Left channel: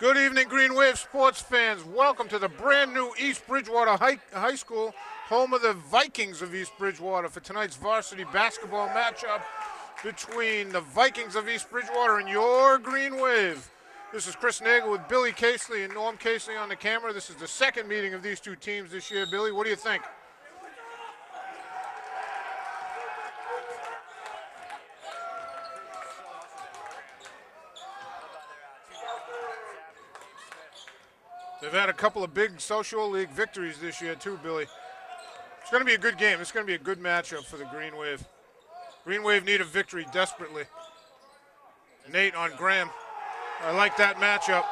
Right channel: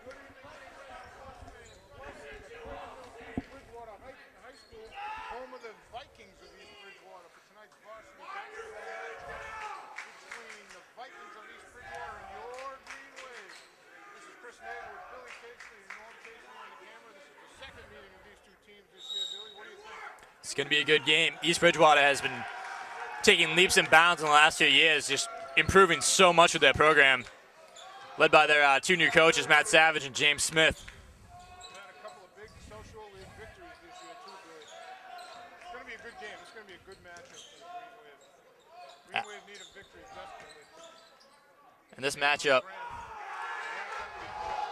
Good evening, Green Wave sports fans. Welcome to the brand new East Bridgewater High School, home of the Vikings of East Bridgewater, for tonight's varsity basketball matchup between the Vikings of East Bridgewater and your Green Wave. This is Chris Nagel with Billy Casely and Norm Casely on the camera. This is the second meeting of these two teams this year. Billy, what do you think? It's going to be a good game. East Bridgewater has been taking leaps and bounds in the last 2 years, just improving so much with their program, led by their two new coaches, Matt Savage and James Smith. They've had a couple of big social league victories this year too, Billy. It's going to be a good game. It's going to be a good matchup for the Green Wave. Green Wave need a victory desperately. And this Nate matchup, on Graham. I like that matchup.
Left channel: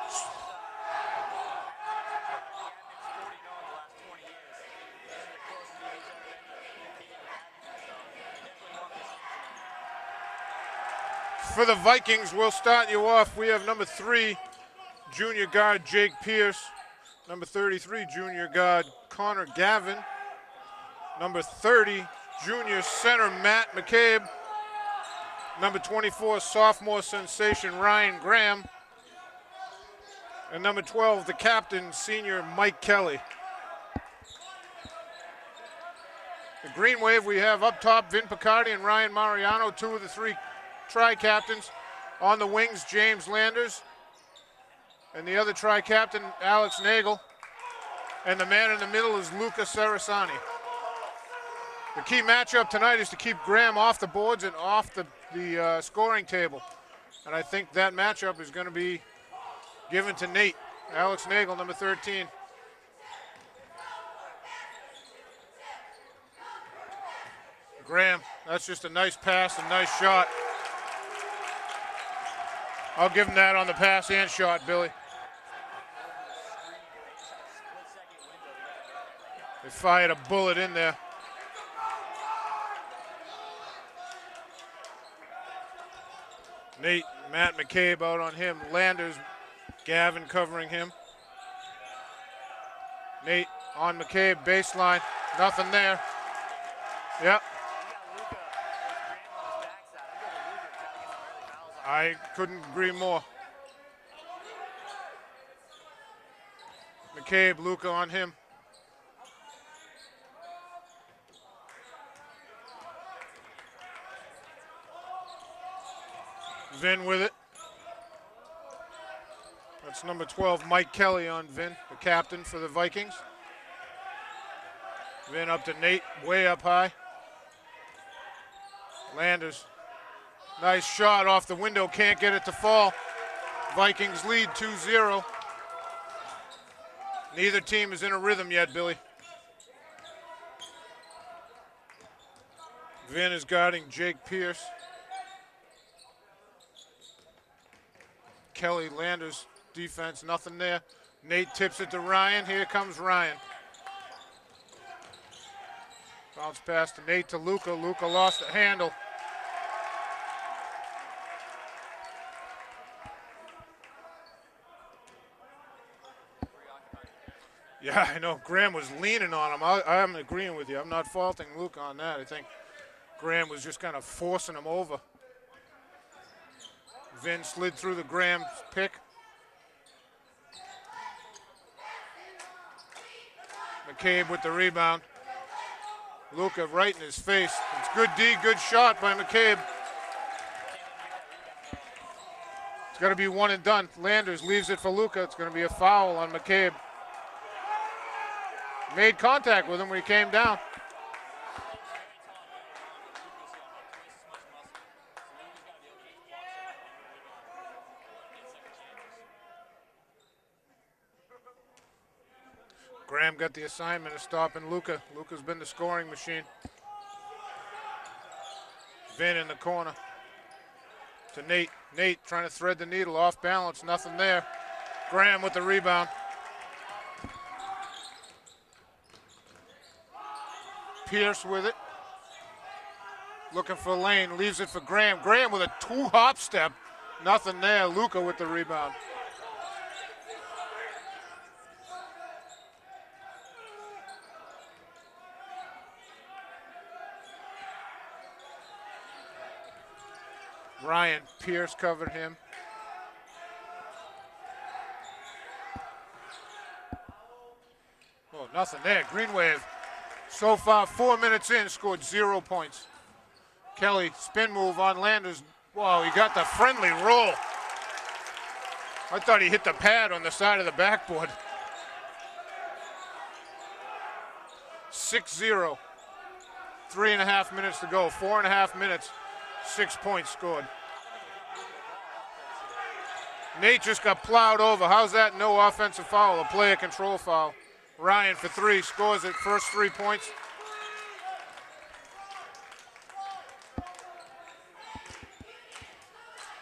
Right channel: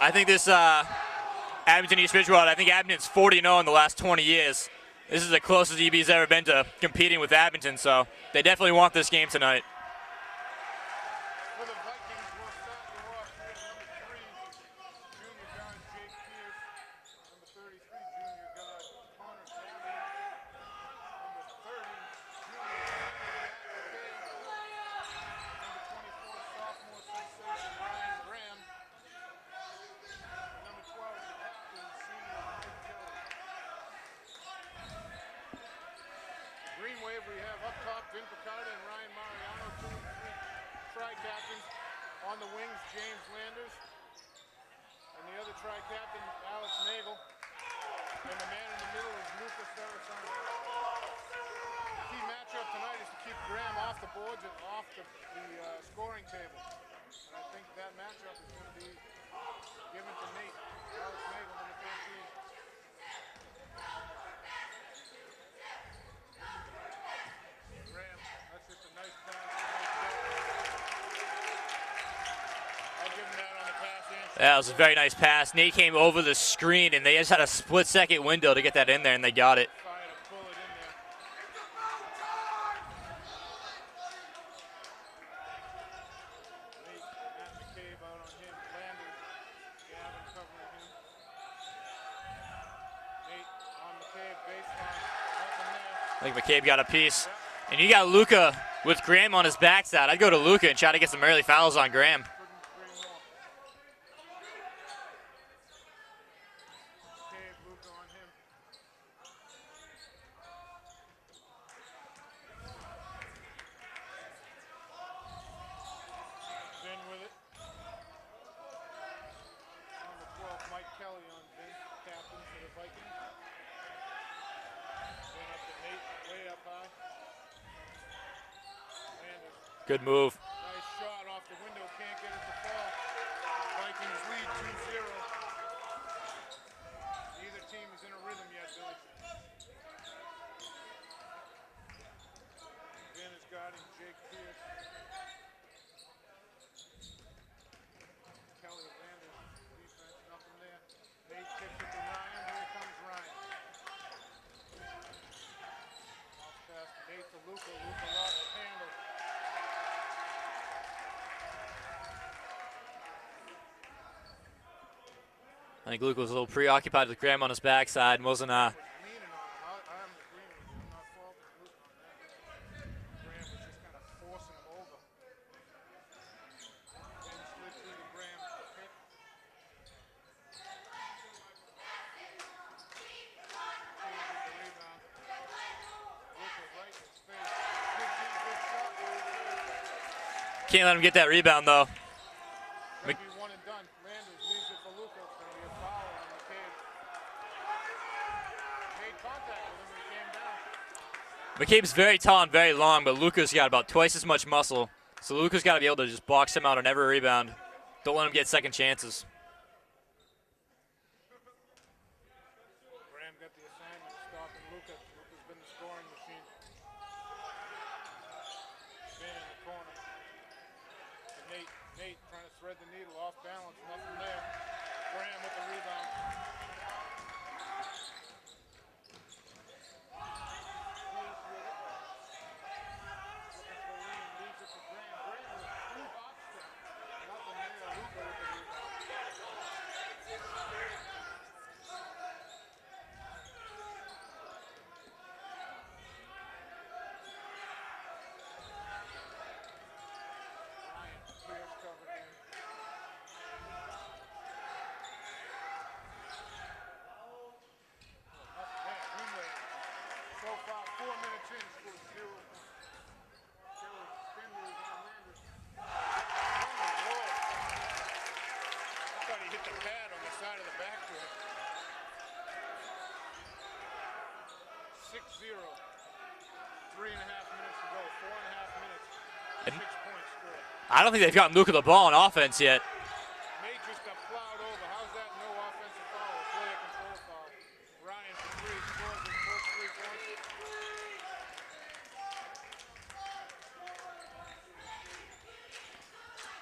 I think this Abington East Bridgewater, I think Abington's 40-0 in the last 20 years. This is the closest EB's ever been to competing with Abington, so they definitely want this game tonight. For the Vikings, we'll start you off. We have number 3, junior guard Jake Pierce. Number 33, junior guard Connor Gavin. Number 30, junior center Matt McCabe. Number 24, sophomore sensation Ryan Graham. And number 12, the captain, senior Mike Kelly. The Green Wave, we have up top Vin Picardi and Ryan Mariano, 2 of the 3 tri-captains. On the wings, James Landers. And the other tri-captain, Alex Nagel. And the man in the middle is Luca Sarasani. The key matchup tonight is to keep Graham off the boards and off the scoring table. And I think that matchup is going to be given to Nate. Alex Nagel, number 13. Graham, that's just a nice pass and nice shot. I'll give him that on the pass and shot. That was Billy. a very nice pass. Nate came over the screen, and they just had a split-second window to get that in there, and they got it. Fired a bullet in there. Nate, Matt McCabe out on him. Landers, Gavin covering him. Nate on McCabe, baseline. Nothing there. I think McCabe got a piece. Yep. And you got Luca with Graham on his backside. I'd go to Luca and try to get some early fouls on Graham. I couldn't agree more. McCabe, Luca on him. Vin with it. That's number 12, Mike Kelly on Vin, the captain for the Vikings. Vin up to Nate, way up high. Landers. Good move. Nice shot off the window, can't get it to fall. Vikings lead 2-0. Neither team is in a rhythm yet, Billy. Vin is guarding Jake Pierce. Kelly, Landers, defense, nothing there. Nate tips it to Ryan. Here comes Ryan. Bounce pass to Nate to Luca. Luca lost the handle. I think Luca was a little preoccupied with Graham on his backside. Yeah, I know wasn't, Graham was leaning on him. I'm agreeing with you. I'm not faulting Luca on that. I think Graham was just kind of forcing him over. Vin slid through the Graham's pick. McCabe with the rebound. Luca right in his face. It's good D, good shot by McCabe. Can't let him get that rebound, though. It's got to be one and done. Landers leaves it for Luca. It's going to be a foul on McCabe. Made contact with him when he came down. McCabe's very tall and very long, but Luca's got about twice as much muscle. So Luca's got to be able to just box him out on every rebound. Don't let him get second chances. Graham got the assignment of stopping Luca. Luca's been the scoring machine. Vin in the corner to Nate. Nate trying to thread the needle, off balance, nothing there. Graham with the rebound. Pierce with it. Looking for Lane, leaves it for Graham. Graham with a 2-hop step, nothing there. Luca with the rebound. Ryan Pierce covered him. Nothing there. Green Wave, so far 4 minutes in, scored 0 points. Kelly, spin move on Landers. Wow, he got the friendly roll. I thought he hit the pad on the side of the backboard. 6-0. 3.5 minutes to go. 4.5 minutes. 6 points scored. I don't think they've gotten Luka the ball on offense yet. Nate just got plowed over. How's that no offensive foul? A player control foul. Ryan for 3 scores it. First 3 points.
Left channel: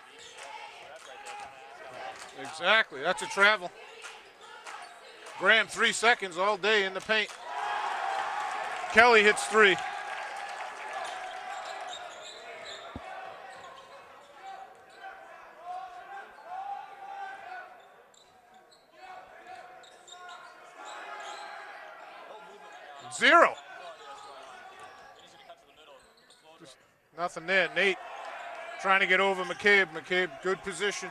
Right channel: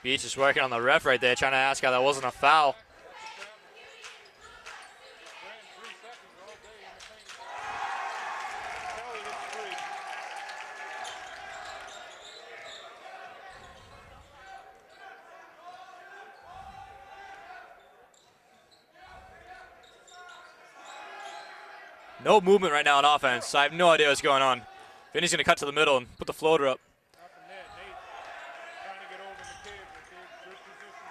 Beach is working on the ref right there, trying to ask how that wasn't a foul. Exactly. That's a travel. Graham 3 seconds all day in the paint. Kelly hits 3. No movement right now on offense. 0. So I have no idea what's going on. Vinny's going to cut to the middle and put the floater up. Nothing there. Nate trying to get over McCabe. McCabe, good position.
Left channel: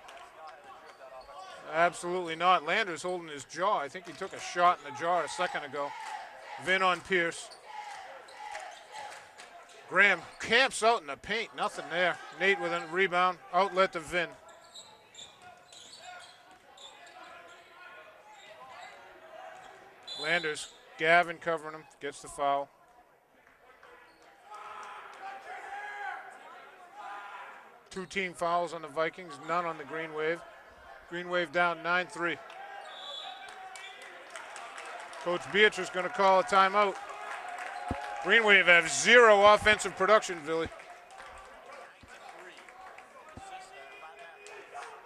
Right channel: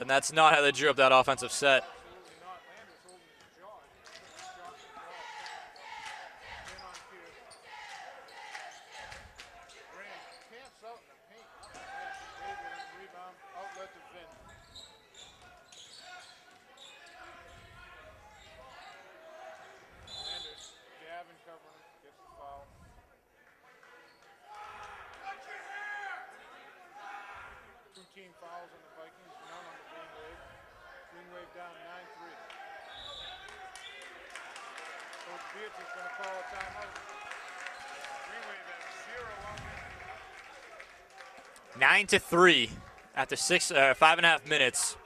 And that's not how they drew up that offensive set. Absolutely not. Landers holding his jaw. I think he took a shot in the jaw a second ago. Vin on Pierce. Graham camps out in the paint. Nothing there. Nate with a rebound. Outlet to Vin. Landers, Gavin covering him, gets the foul. Two team fouls on the Vikings, none on the Green Wave. Green Wave down 9-3. Coach Beatrice going to call a timeout. Green Wave have 0 offensive production, Billy. 9-3 after 5.5 minutes.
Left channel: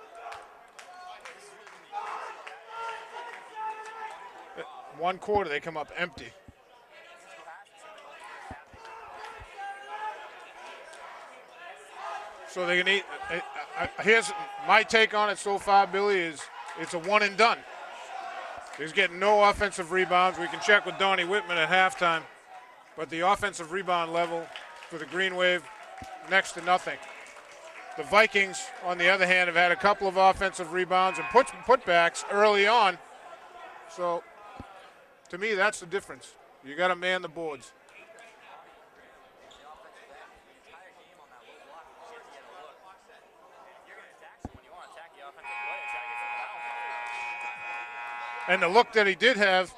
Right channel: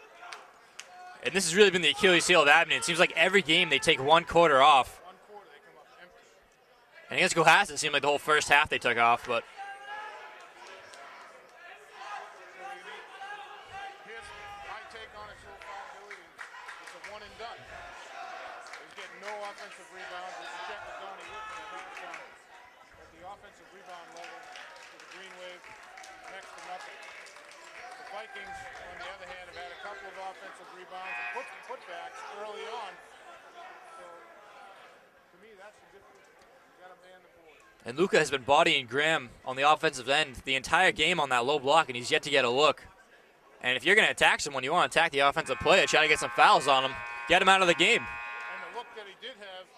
And this has really been the Achilles heel of Abington. It seems like every game they take 1 quarter off. 1 quarter, they come up empty. And against Cohasset, it seemed like the whole first half they took off, but. So they can eat. Here's my take on it so far, Billy, is it's a one and done. He's getting no offensive rebounds. We can check with Donnie Whitman at halftime. But the offensive rebound level for the Green Wave, next to nothing. The Vikings, on the other hand, have had a couple of offensive rebounds and putbacks early on. So, to me, that's the difference. You got to man the boards. And Luka has been bodying Graham on the offensive end the entire game on that low block, and he's yet to get a look. And if you're going to attack someone, you want to attack the offensive player, try to get some fouls on him, get him out of the game. And the look that he did have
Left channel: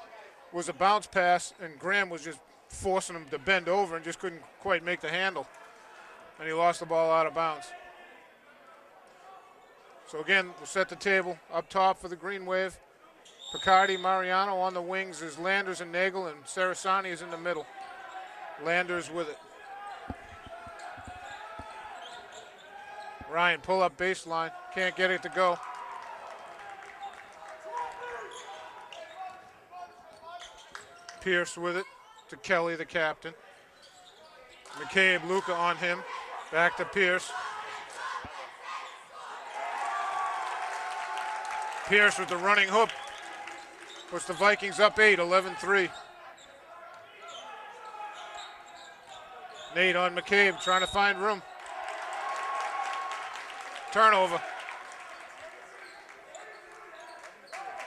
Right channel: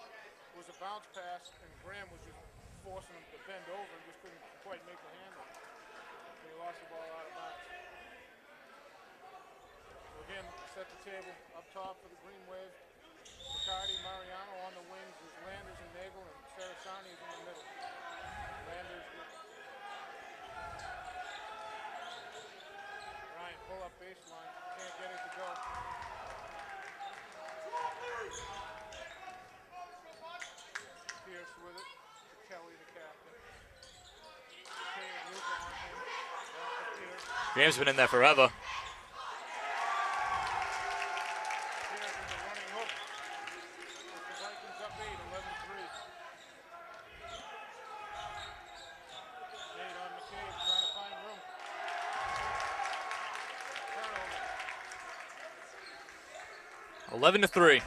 was a bounce pass, and Graham was just forcing him to bend over and just couldn't quite make the handle. And he lost the ball out of bounds. So again, we'll set the table up top for the Green Wave. Picardi, Mariano on the wings is Landers and Nagel, and Sarasani is in the middle. Landers with it. Ryan, pull up baseline. Can't get it to go. Pierce with it to Kelly, the captain. McCabe, Luka on him. Back to Pierce. Graham's been in there forever. Pierce with the running hook. Puts the Vikings up 8, 11-3. Nate on McCabe, trying to find room. Turnover. 11-3.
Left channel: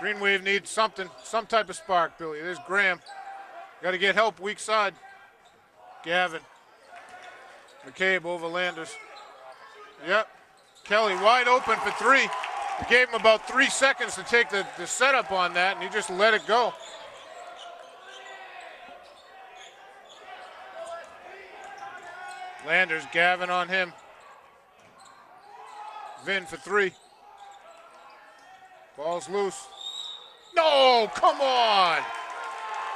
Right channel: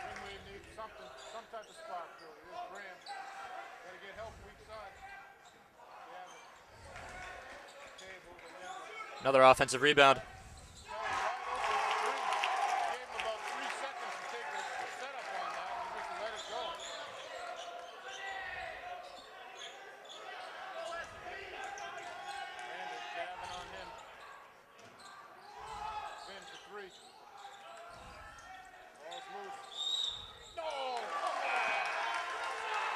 Green Wave needs something, some type of spark, Billy. There's Graham. Got to get help weak side. Gavin. McCabe over Landers. Another offensive rebound. Yep. Kelly wide open for 3. He gave him about 3 seconds to take the setup on that, and he just let it go. Landers, Gavin on him. Vin for 3. Ball's loose. No, come on.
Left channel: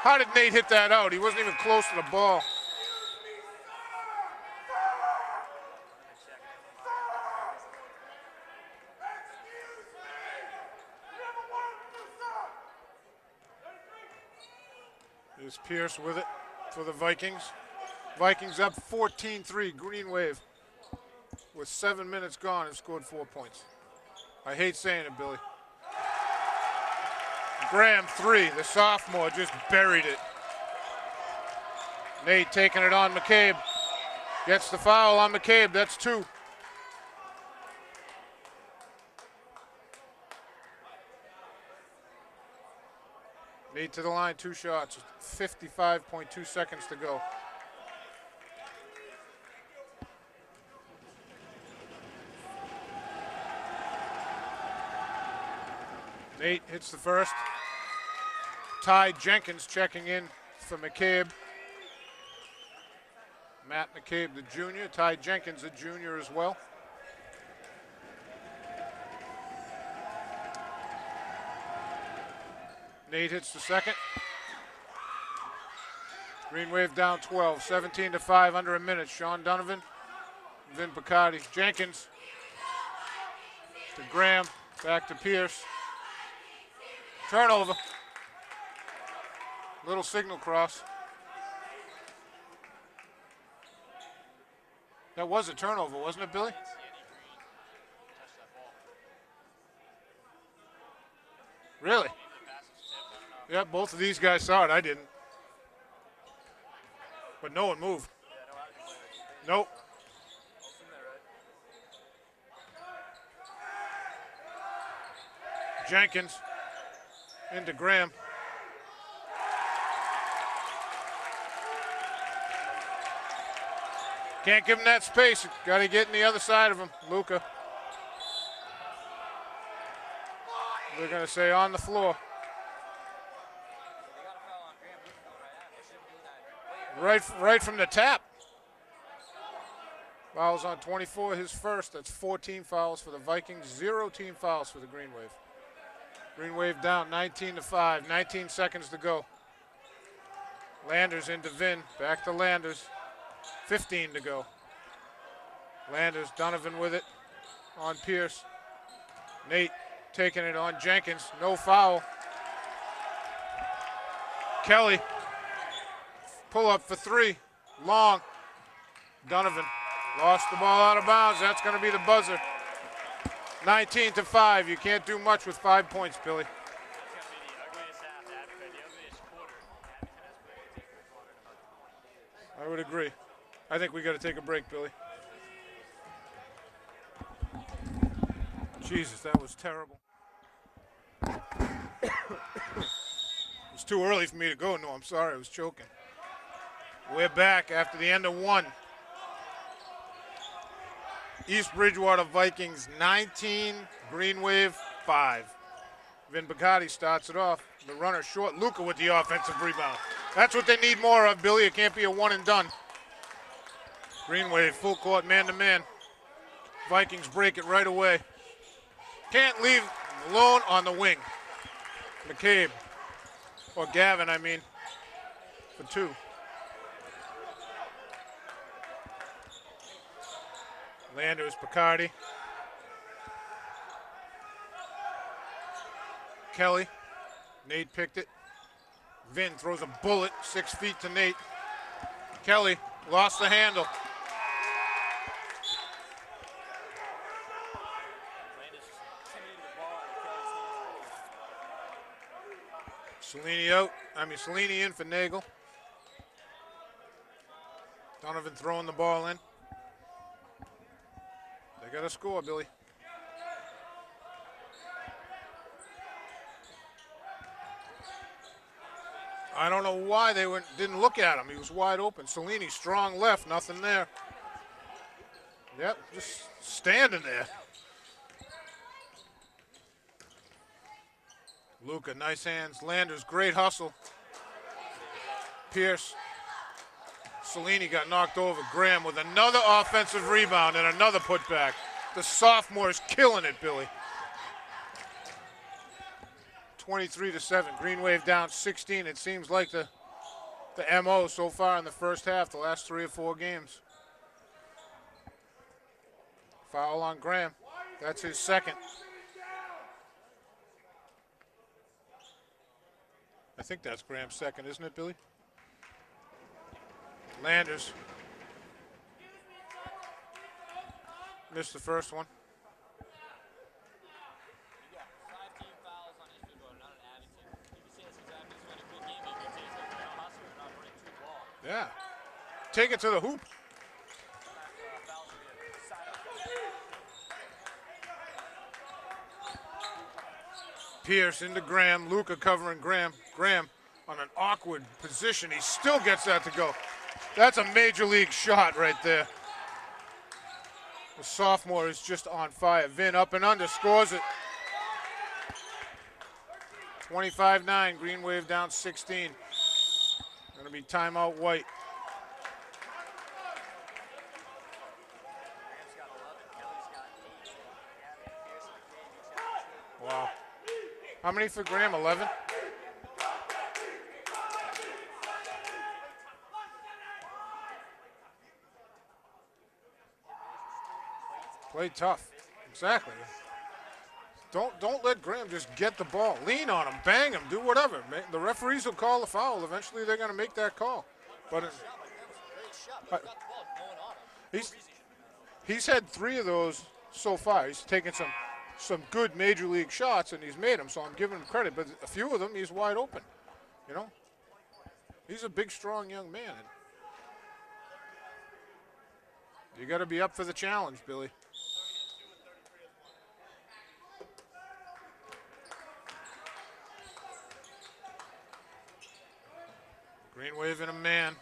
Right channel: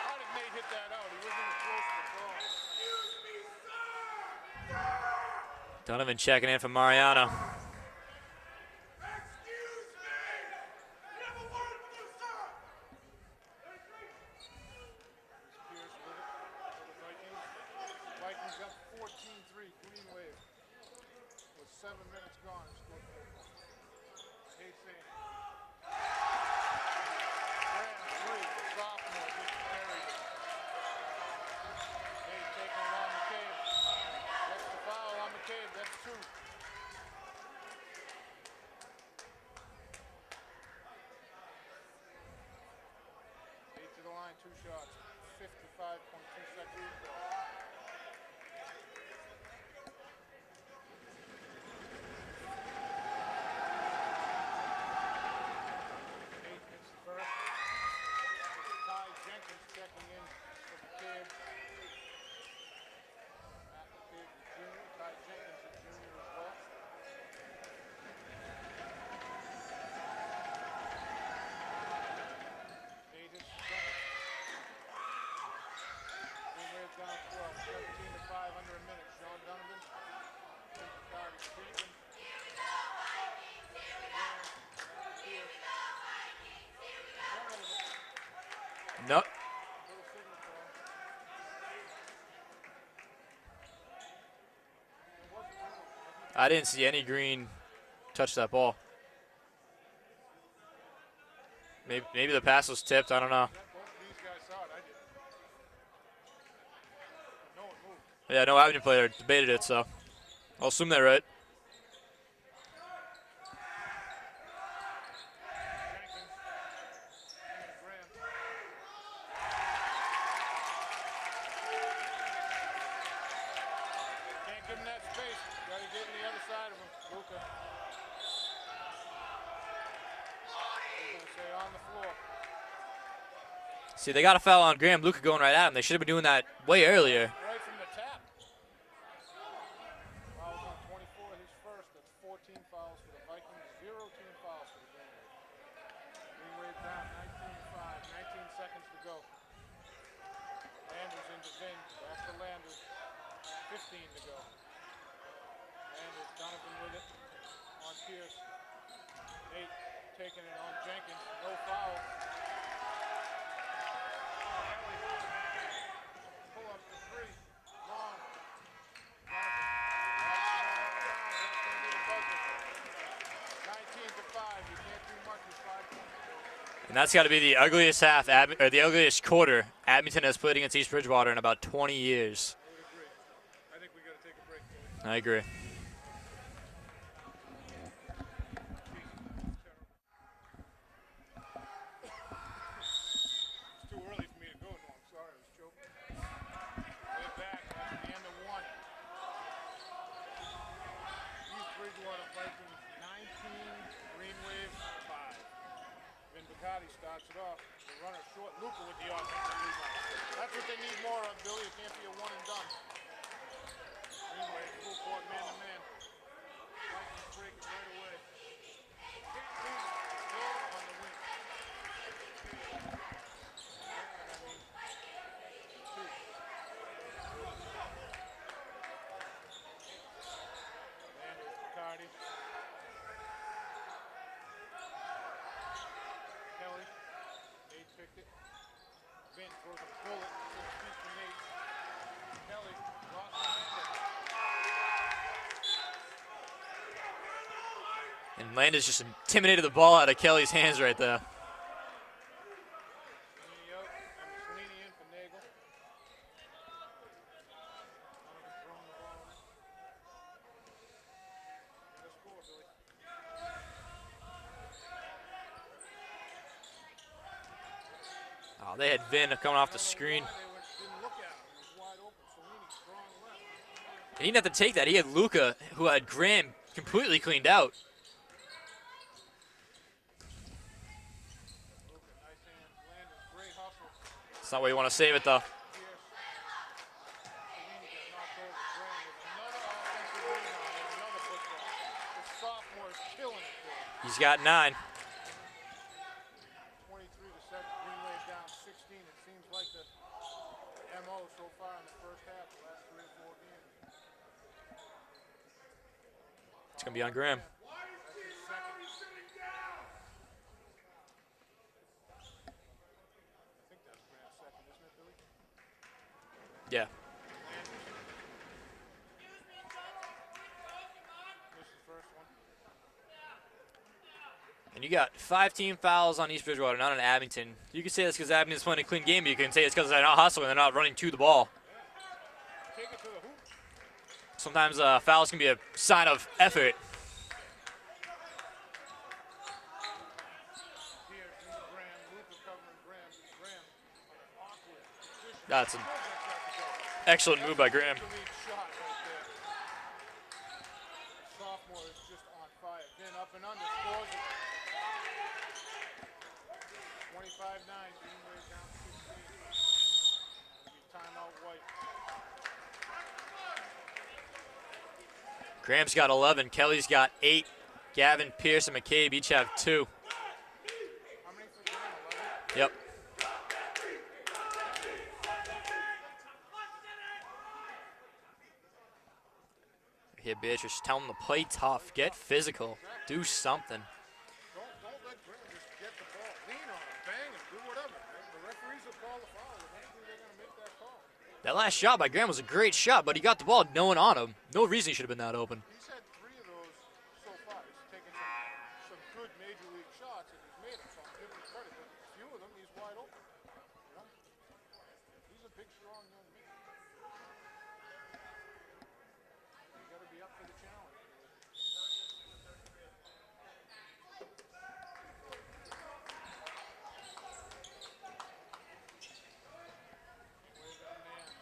How did Nate hit that out? He wasn't even close to the ball. Donovan checking in for Mariano. There's Pierce with it for the Vikings. Vikings up 14-3, Green Wave. With 7 minutes gone and scored 4 points. I hate saying it, Billy. Graham 3, the sophomore, just buried it. Nate taking it on McCabe. Gets the foul on McCabe, that's 2. Nate to the line, 2 shots, 55.2 seconds to go. Nate hits the first. Ty Jenkins checking in for McCabe. Matt McCabe, the junior. Ty Jenkins, the junior as well. Nate hits the second. Green Wave down 12, 17-5, under a minute. Sean Donovan, Vin Picardi. Jenkins to Graham, back to Pierce. Turnover. No. Little signal cross. That was a turnover, wasn't it, Bill? I didn't see any green touch that ball. Really? Maybe the pass was tipped. I don't know. Yeah, both of these guys saw it. I didn't. But no one moved. Yeah, no Abington player debated it, so I'll assume they're right. Jenkins into Graham. Can't give him that space. Got to get in the other side of him. Luca. They're going to say on the floor. See, they got a foul on Graham. Luca going right at him. They should have been doing that way earlier. Right from the tap. Fouls on 24, his first. That's 14 fouls for the Vikings, 0 team fouls for the Green Wave. Green Wave down 19-5, 19 seconds to go. Landers into Vin, back to Landers, 15 to go. Landers, Donovan with it on Pierce. Nate taking it on Jenkins, no foul. Kelly, pull up for 3, long. Donovan lost the ball out of bounds. That's going to be the buzzer. 19-5. You can't do much with 5 points, Billy. And that's got to be the ugliest half, or the ugliest quarter Abington has played against East Bridgewater in about 20 years. I would agree. I think we got to take a break, Billy. I agree. Jesus, that was terrible. It's too early for me to go. No, I'm sorry. I was choking. We're back after the end of 1. East Bridgewater Vikings 19, Green Wave 5. Vin Picardi starts it off. The runner short. Luca with the offensive rebound. That's what they need more of, Billy. It can't be a one and done. Green Wave full court, man-to-man. Vikings break it right away. Can't leave alone on the wing. McCabe, or Gavin, I mean, for 2. Landers, Picardi. Kelly. Nate picked it. Vin throws a bullet 6 feet to Nate. Kelly lost the handle. And Landis just intimidated the ball out of Kelly's hands right there. Cellini in for Nagel. Donovan throwing the ball in. They got to score, Billy. Oh, they had Vin coming off the screen. I don't know why they didn't look at him. He was wide open. Cellini, strong left, nothing there. He didn't have to take that. He had Luca, who had Graham completely cleaned out. Luca, nice hands. Landers, great hustle. That's not where you want to save it, though. Pierce. Cellini got knocked over. Graham with another offensive rebound and another putback. The sophomore is killing it, Billy. He's got 9. 23-7. Green Wave down 16. It seems like the MO so far in the first half, the last 3 or 4 games. Foul on Graham. That's his second. I think that's Graham's second, isn't it, Billy? Yeah. Landers. Missed the first one. And you got 5 team fouls on East Bridgewater, not on Abington. You can say that's because Abington's playing a clean game, but you can say it's because they're not hustling, they're not running to the ball. Yeah. Take it to the hoop. Sometimes fouls can be a sign of effort. Pierce into Graham. Luca covering Graham. Graham on an awkward position. That's He still gets that to go. Excellent That's move a by Graham. major league shot right there. The sophomore is just on fire. Vin up and under, scores it. 25-9, Green Wave down 16. Gonna be timeout White. Graham's got 11. Kelly's got 8. Gavin, Pierce, and McCabe each have 2. Wow. How many for Graham? 11? Yep. Here, Beatrice, tell him to play tough, Play get tough. physical, Exactly. do something. Don't let Graham just get the ball. Lean on him, bang him, do whatever. The referees will call the foul. Eventually, they're going to make that call. That last shot by Graham was a great shot, but he got the ball no one on him. No reason he should have been that open. He's had 3 of those so far. He's taken some good major league shots, and he's made them, so I'm giving him credit. But a few of them, he's wide open. You know? He's a big, strong young man. You got to be up for the challenge, Billy. Green Wave and a man.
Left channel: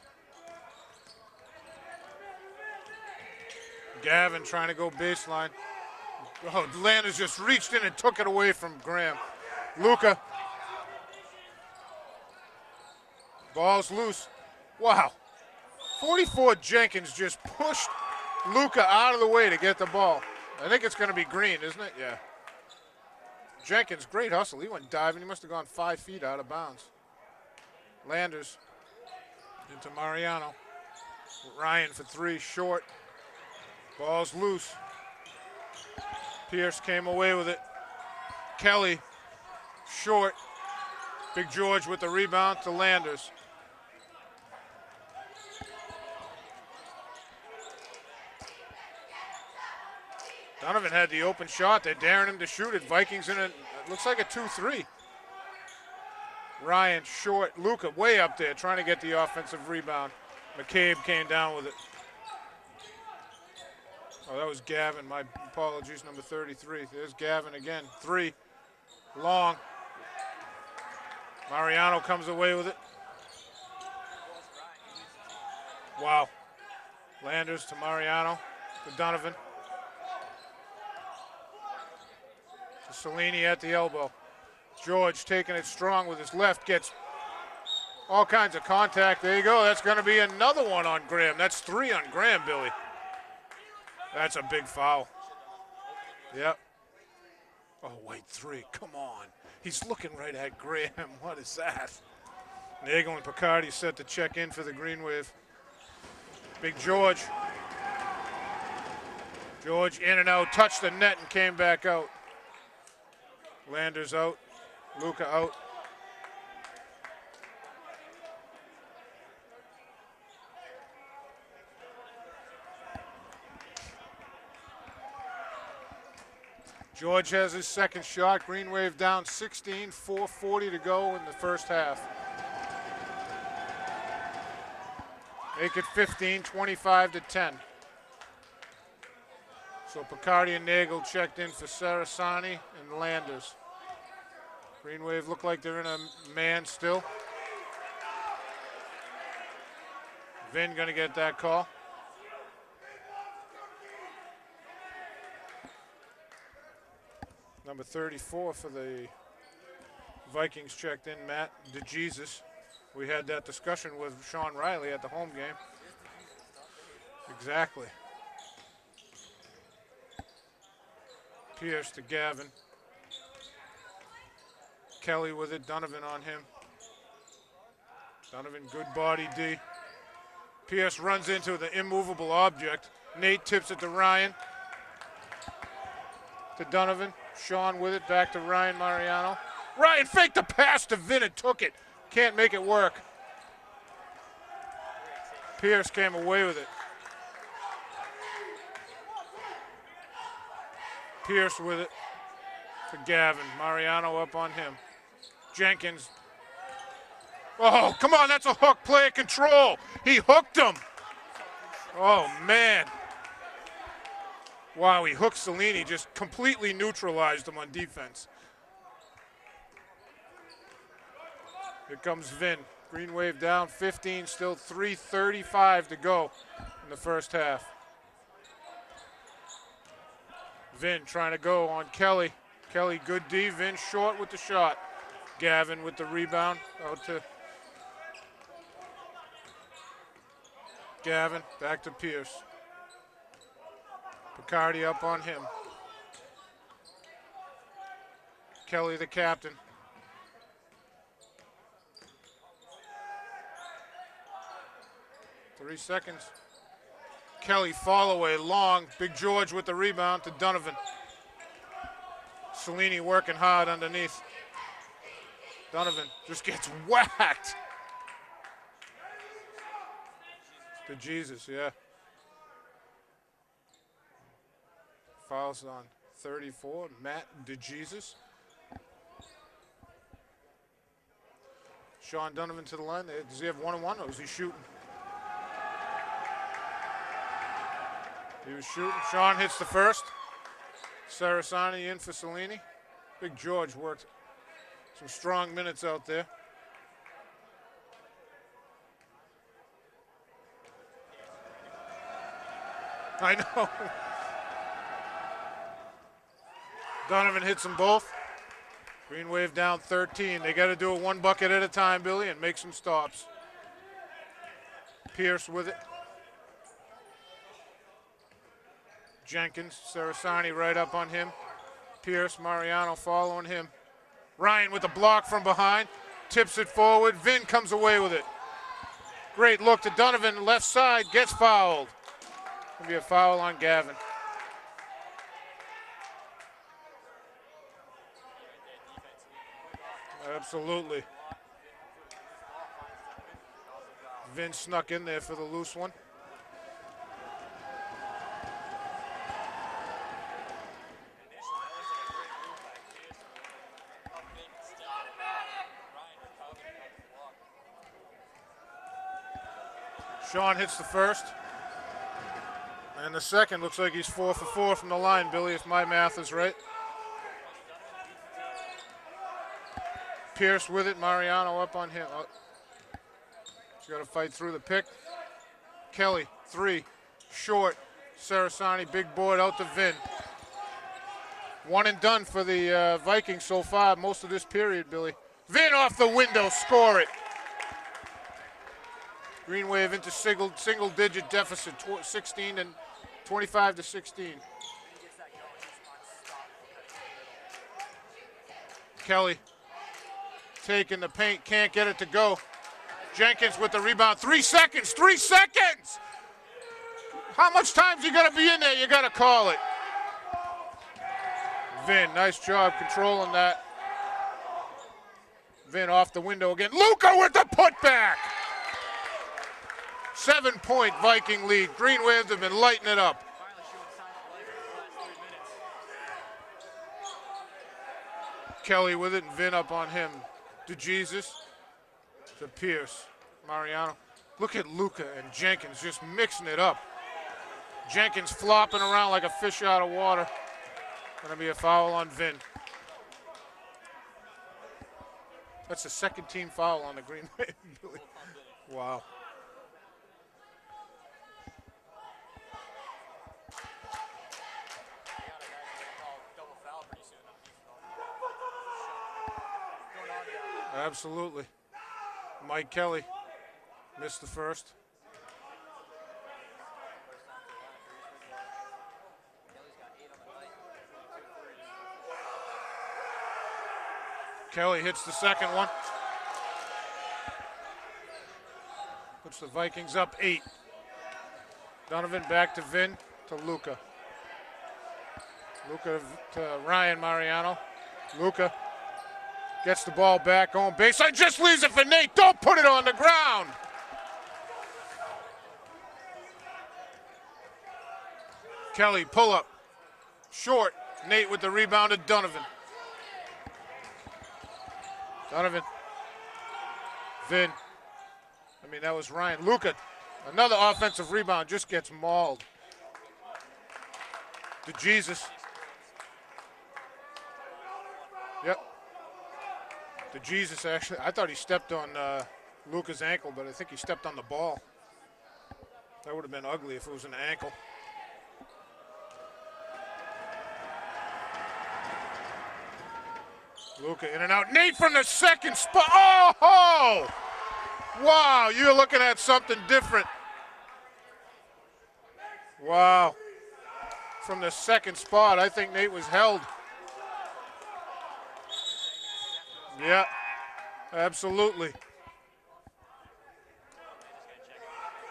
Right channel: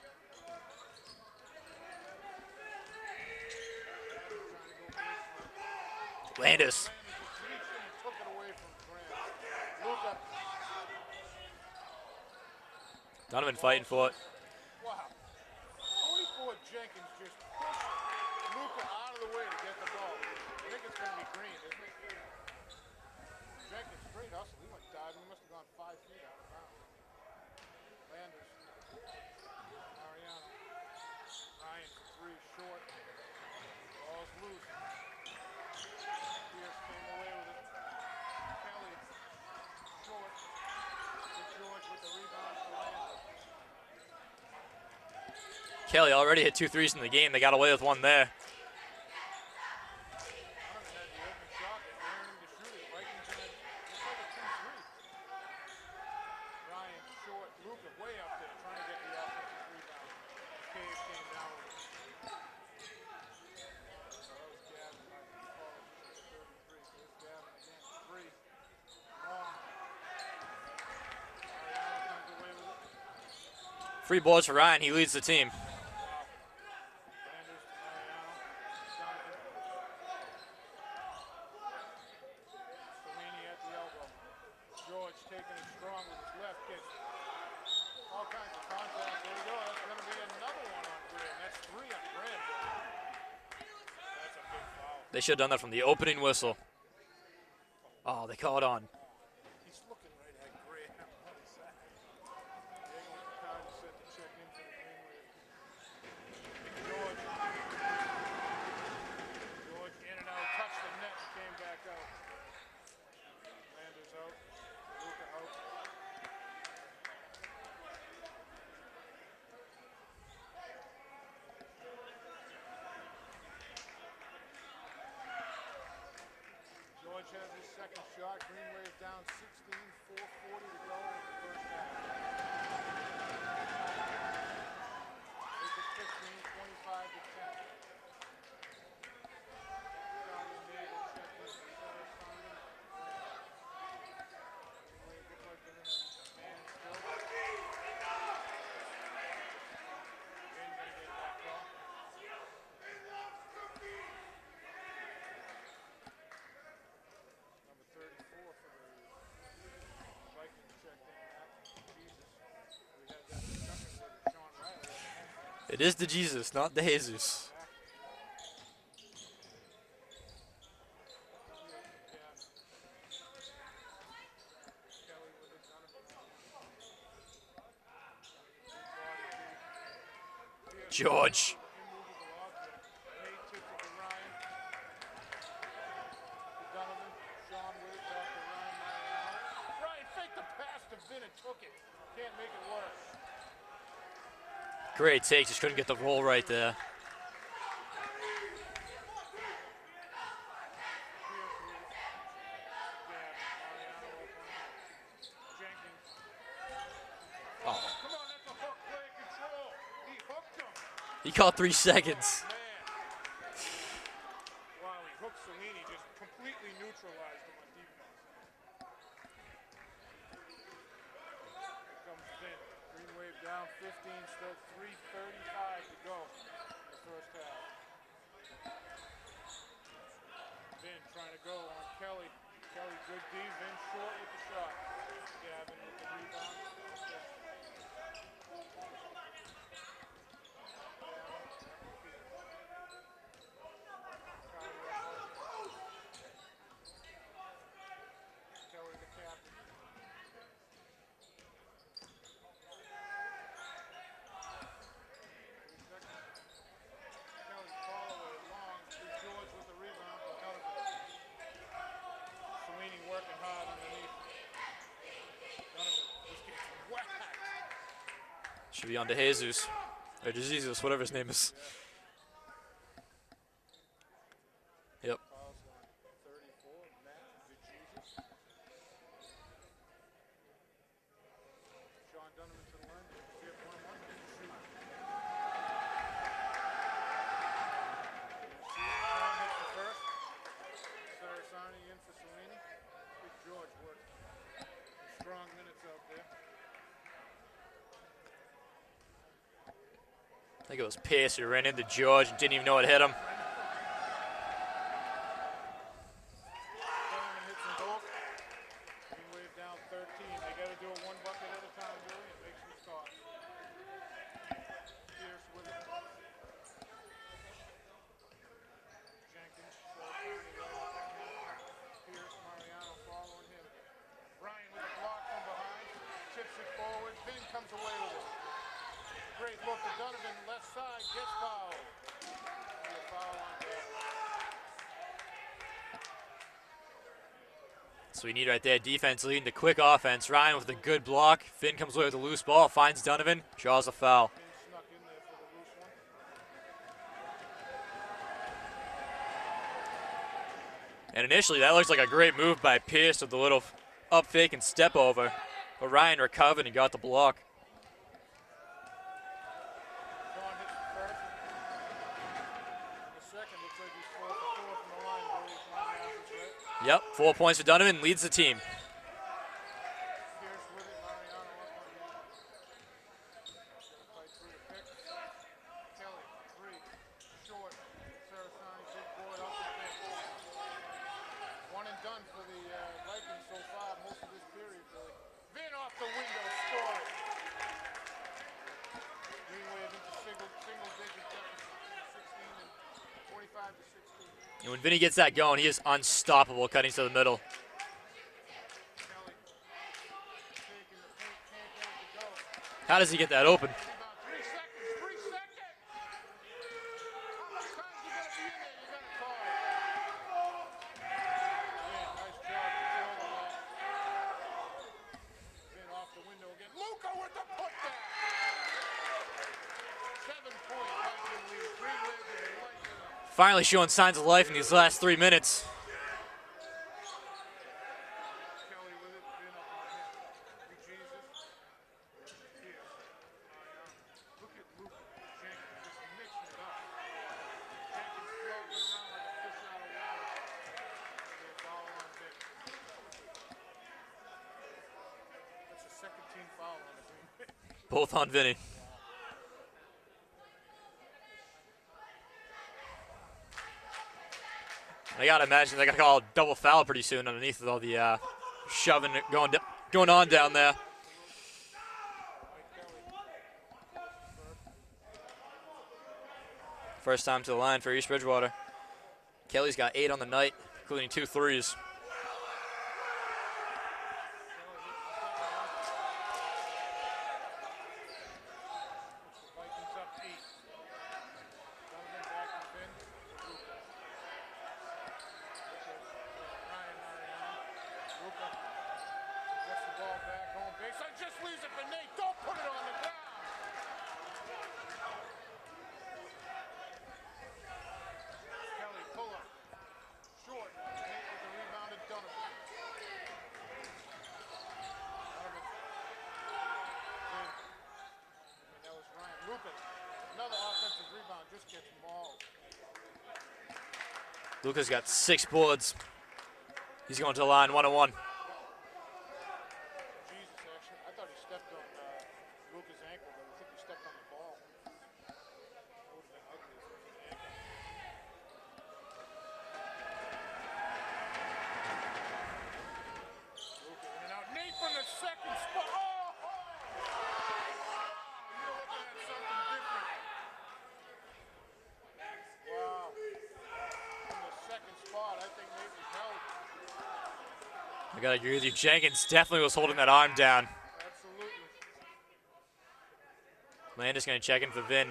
Gavin trying to go baseline. Landis. Oh, Landis just reached in and took it away from Graham. Luca. Donovan Ball's fighting for it. loose. Wow. 44 Jenkins just pushed Luca out of the way to get the ball. I think it's going to be green, isn't it? Yeah. Jenkins, great hustle. He went diving. He must have gone 5 feet out of bounds. Landers into Mariano. Ryan for 3, short. Ball's loose. Pierce came away with it. Kelly, short. Big George with the rebound to Landers. Kelly already hit 2 threes in the game. They got away with one there. Donovan had the open shot. They're daring him to shoot it. Vikings in it. Looks like a 2-3. Ryan short. Luca way up there trying to get the offensive rebound. McCabe came down with it. Oh, that was Gavin. My apologies, number 33. There's Gavin again. 3. Long. Mariano comes away with it. Free boards for Ryan. He leads the team. Wow. Landers to Mariano. To Donovan. To Cellini at the elbow. George taking it strong with his left. Gets all kinds of contact. There you go. That's going to be another one on Graham. That's 3 on Graham, Billy. That's a big foul. They should have done that from the opening whistle. Yep. Oh, wait, they 3. call it on. Come on. He's looking right at Graham. What is that? Nagel and Picardi set to check in for the Green Wave. Big George. George in and out, touched the net and came back out. Landers out. Luca out. George has his second shot. Green Wave down 16, 4:40 to go in the first half. Make it 15, 25 to 10. So Picardi and Nagel checked in for Sarasani and Landers. Green Wave look like they're in a man still. Vin gonna get that call. Number 34 for the Vikings checked in, Matt DeJesus. We had that discussion with Sean Riley at the home game. It is the Jesus, not the Jesus. Exactly. Pierce to Gavin. Kelly with it, Donovan on him. Donovan, good body D. Pierce runs into the immovable object. Nate tips it to Ryan. To Donovan. Sean with it, back to Ryan Mariano. Ryan faked the pass to Vin and took it. Can't make it work. Great take, just couldn't Pierce get the came goal away right with there. it. Pierce with it to Gavin. Mariano up on him. Jenkins. Oh, come on, that's a hook. Player control. He hooked him. He caught 3 seconds. Oh, man. Wow, he hooked Cellini, just completely neutralized him on defense. Here comes Vin. Green Wave down 15, still 3:35 to go in the first half. Vin trying to go on Kelly. Kelly, good D. Vin short with the shot. Gavin with the rebound. Out to Gavin. Back to Pierce. Picardi up on him. Kelly, the captain. Three seconds. Kelly fall away long. Big George with the rebound to Donovan. Cellini working hard underneath. Donovan just gets whacked. Should be on to Jesus. Or Jesus, whatever his name is. Yeah. Yep. Fouls on 34. Matt DeJesus. Sean Donovan to the line. Does he have one-on-one or is he shooting? He was shooting. Sean hits the first. Sarasani in for Cellini. Big George worked some strong minutes out there. I think it was Pierce who ran into George and didn't even know it hit him. I know. Donovan hits them both. Green Wave down 13. They got to do it one bucket at a time, Billy, and make some stops. Pierce with it. Jenkins, Sarasani right up on him. Pierce, Mariano following him. Ryan with the block from behind. Tips it forward. Vin comes away with it. Great look to Donovan, left side, gets fouled. Gonna be a foul on Gavin. So we need right there, defense leading to quick offense. Ryan with a Absolutely. good block. Finn comes away with a loose ball, finds Donovan, draws a foul. Vin snuck in there for the loose one. And initially, that looks like a great move by Pierce with the little up fake and step over. But Ryan recovered and got the block. Sean hits the first. And the second looks like he's 4 for 4 from the line, Billy, if my math is right. Yep, 4 points for Donovan, leads the team. Pierce with it, Mariano up on him. Oh. He's got to fight through the pick. Kelly, 3, short. Sarasani, big board out to Vin. One and done for the Vikings so far, most of this period, Billy. Vin off the window, score it. Green Wave into single-digit deficit, 16 and 25 to 16. And when Vinny gets that going, he is unstoppable cutting to the middle. Kelly taking the paint, can't get it to go. How does he get that Jenkins open? with the rebound, 3 seconds, 3 seconds! How much time's you gotta be in there? You gotta call it. Vin, nice job controlling that. Vin off the window again. Luka with the putback! 7-point Viking lead. Green Waves have been lighting it up. Finally showing signs of life in these last 3 minutes. Kelly with it and Vin up on him. To Jesus. To Pierce. Mariano. Look at Luka and Jenkins just mixing it up. Jenkins flopping around like a fish out of water. Gonna be a foul on Vin. That's the second team foul on the Green Wave. Both on Vinny. Wow. I gotta imagine they gotta call a double foul pretty soon underneath with all the shoving going on down there. Absolutely. Mike Kelly missed the first. First time to the line for East Bridgewater. Kelly's got 8 on the night, including 2 threes. Kelly hits the second one. Puts the Vikings up 8. Donovan back to Vin to Luka. Luka to Ryan Mariano. Luka gets the ball back on baseline. Just leaves it for Nate. Don't put it on the ground. Kelly pull up. Short. Nate with the rebound to Donovan. Donovan. Vin. That was Ryan. Luka. Another offensive rebound. Just gets mauled. Luka's got 6 boards. He's going to the line 1-on-1. Yep. The Jesus actually, I thought he stepped on Luca's ankle, but I think he stepped on the ball. That would have been ugly if it was an ankle. Luca in and out. Nate from the second spot. Oh! Wow, you're looking at something different. Wow. From the second spot, I think Nate was held. I gotta agree with you. Jenkins definitely was holding that arm down. Absolutely. Landis gonna check in for Vin.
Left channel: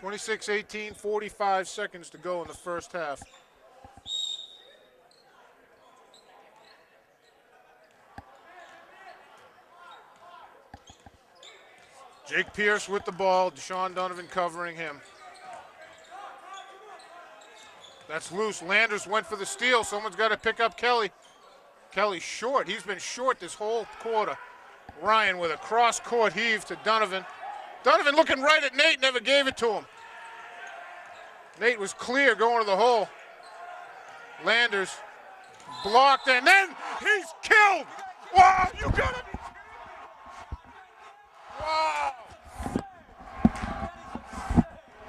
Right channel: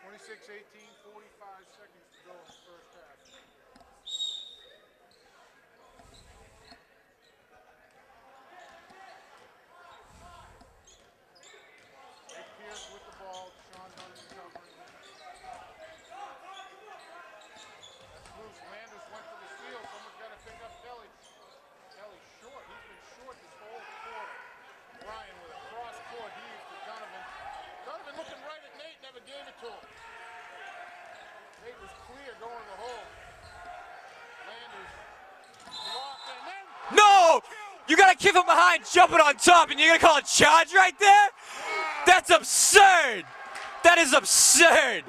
26-18, 45 seconds to go in the first half. Jake Pierce with the ball, Deshaun Donovan covering him. That's loose. Landers went for the steal. Someone's got to pick up Kelly. Kelly short. He's been short this whole quarter. Ryan with a cross-court heave to Donovan. Donovan looking right at Nate, never gave it to him. Nate was clear going to the hole. Landers blocked and then no! Killed! You got to keep him behind, jumping on top, and you're going to call a charge right there? That's absurd! That is absurd!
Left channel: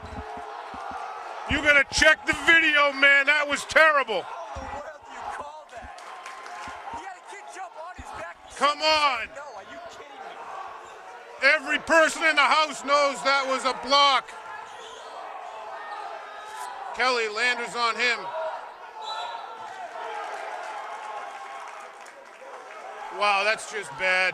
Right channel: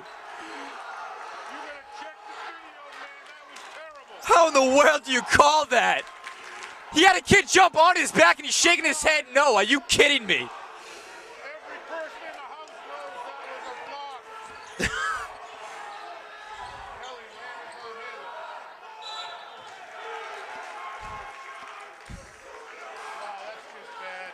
You gotta check the video, man. That was terrible. How in the world do you call that? He had a kid jump on his back and he's shaking his head. No, are you kidding me? Every person in the house knows that was a block. Kelly, Landers on him. Wow, that's just bad.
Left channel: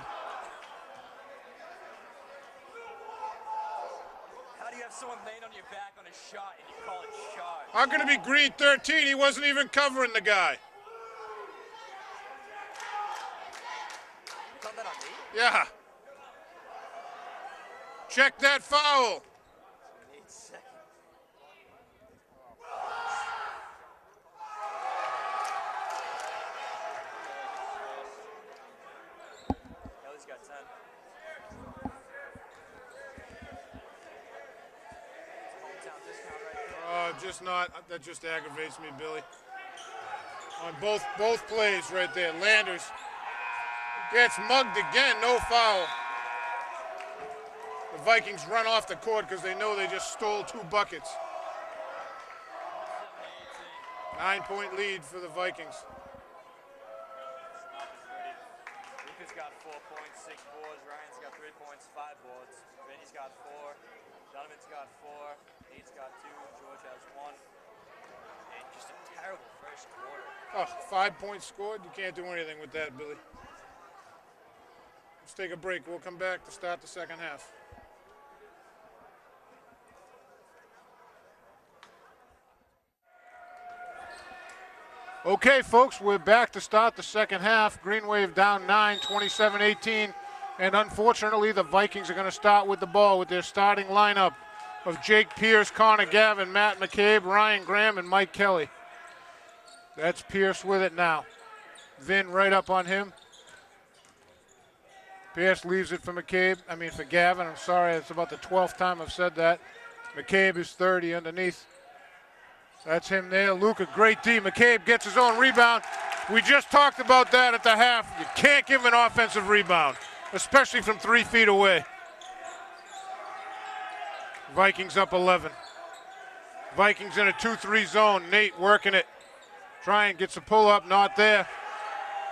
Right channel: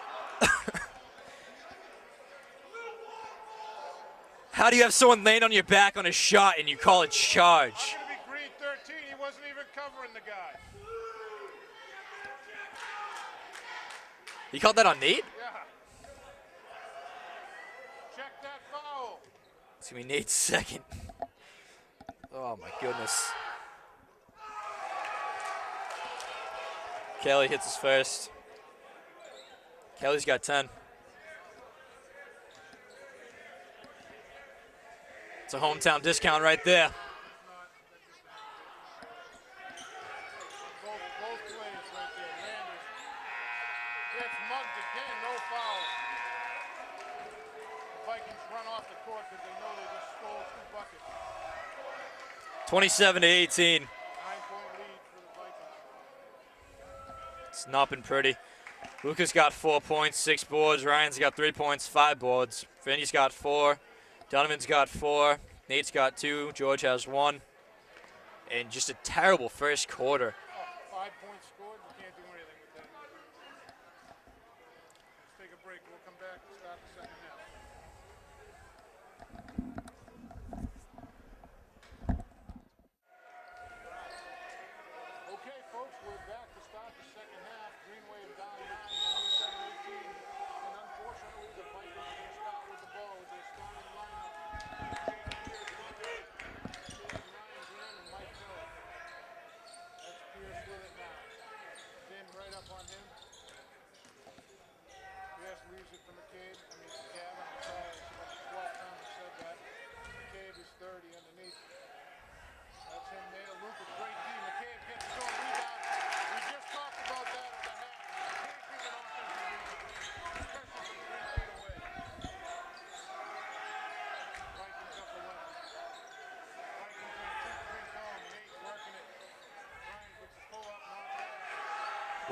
How do you have someone laying on your back on a shot and you call it charge? I'm going to be green 13. He wasn't even covering the guy. You called that on Nate? Yeah. Check that foul. It's going to be Nate's second. Oh, my goodness. Kelly hits his first. Kelly's got 10. It's a hometown discount right there. Just not. That just aggravates me, Billy. On both plays right there. Landers gets mugged again. No foul. The Vikings run off the court because they know they just stole 2 buckets. 27-18. 9-point lead for the Vikings. It's not been pretty. Lucas got 4 points, 6 boards. Ryan's got 3 points, 5 boards. Vinny's got 4. Donovan's got 4. Nate's got 2. George has 1. And just a terrible first quarter. Oh, 5 points scored. You can't do anything with that, Billy. Let's take a break. We'll come back to start the second half. Okay, folks, we're back to start the second half. Green Wave down 9, 27-18. And unfortunately, the Vikings are going to start with the ball with their starting lineup of Jake Pierce, Connor Gavin, Matt McCabe, Ryan Graham, and Mike Kelly. That's Pierce with it now. Vin right up on him. Pierce leaves it for for Gavin. I'm sorry, it's about the 12th time I've said that. McCabe is 30 underneath. That's him there. Luca, great D. McCabe gets his own rebound. We just talked about that at the half. You can't give an offensive rebound, especially from 3 feet away. Vikings up 11. Vikings in a 2-3 zone. Nate working it. Trying, gets a pull-up, not there.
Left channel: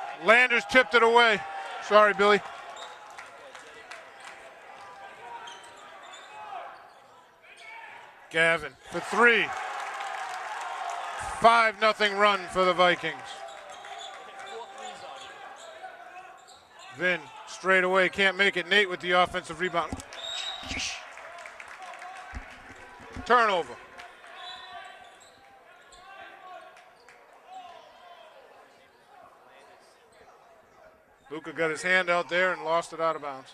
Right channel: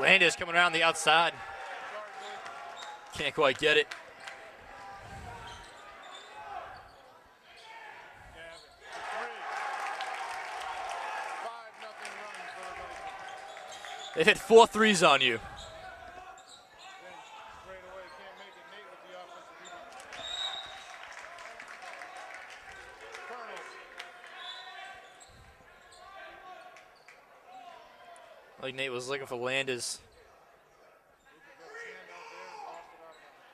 Landers tipped it away. Sorry, Billy. Can't quite get it. Gavin for 3. 5-0 run for the Vikings. They've hit 4 threes on you. Vin straight away, can't make it. Nate with the offensive rebound. Turnover. Like Nate was looking for Landers. Luca got his hand out there and lost it out of bounds.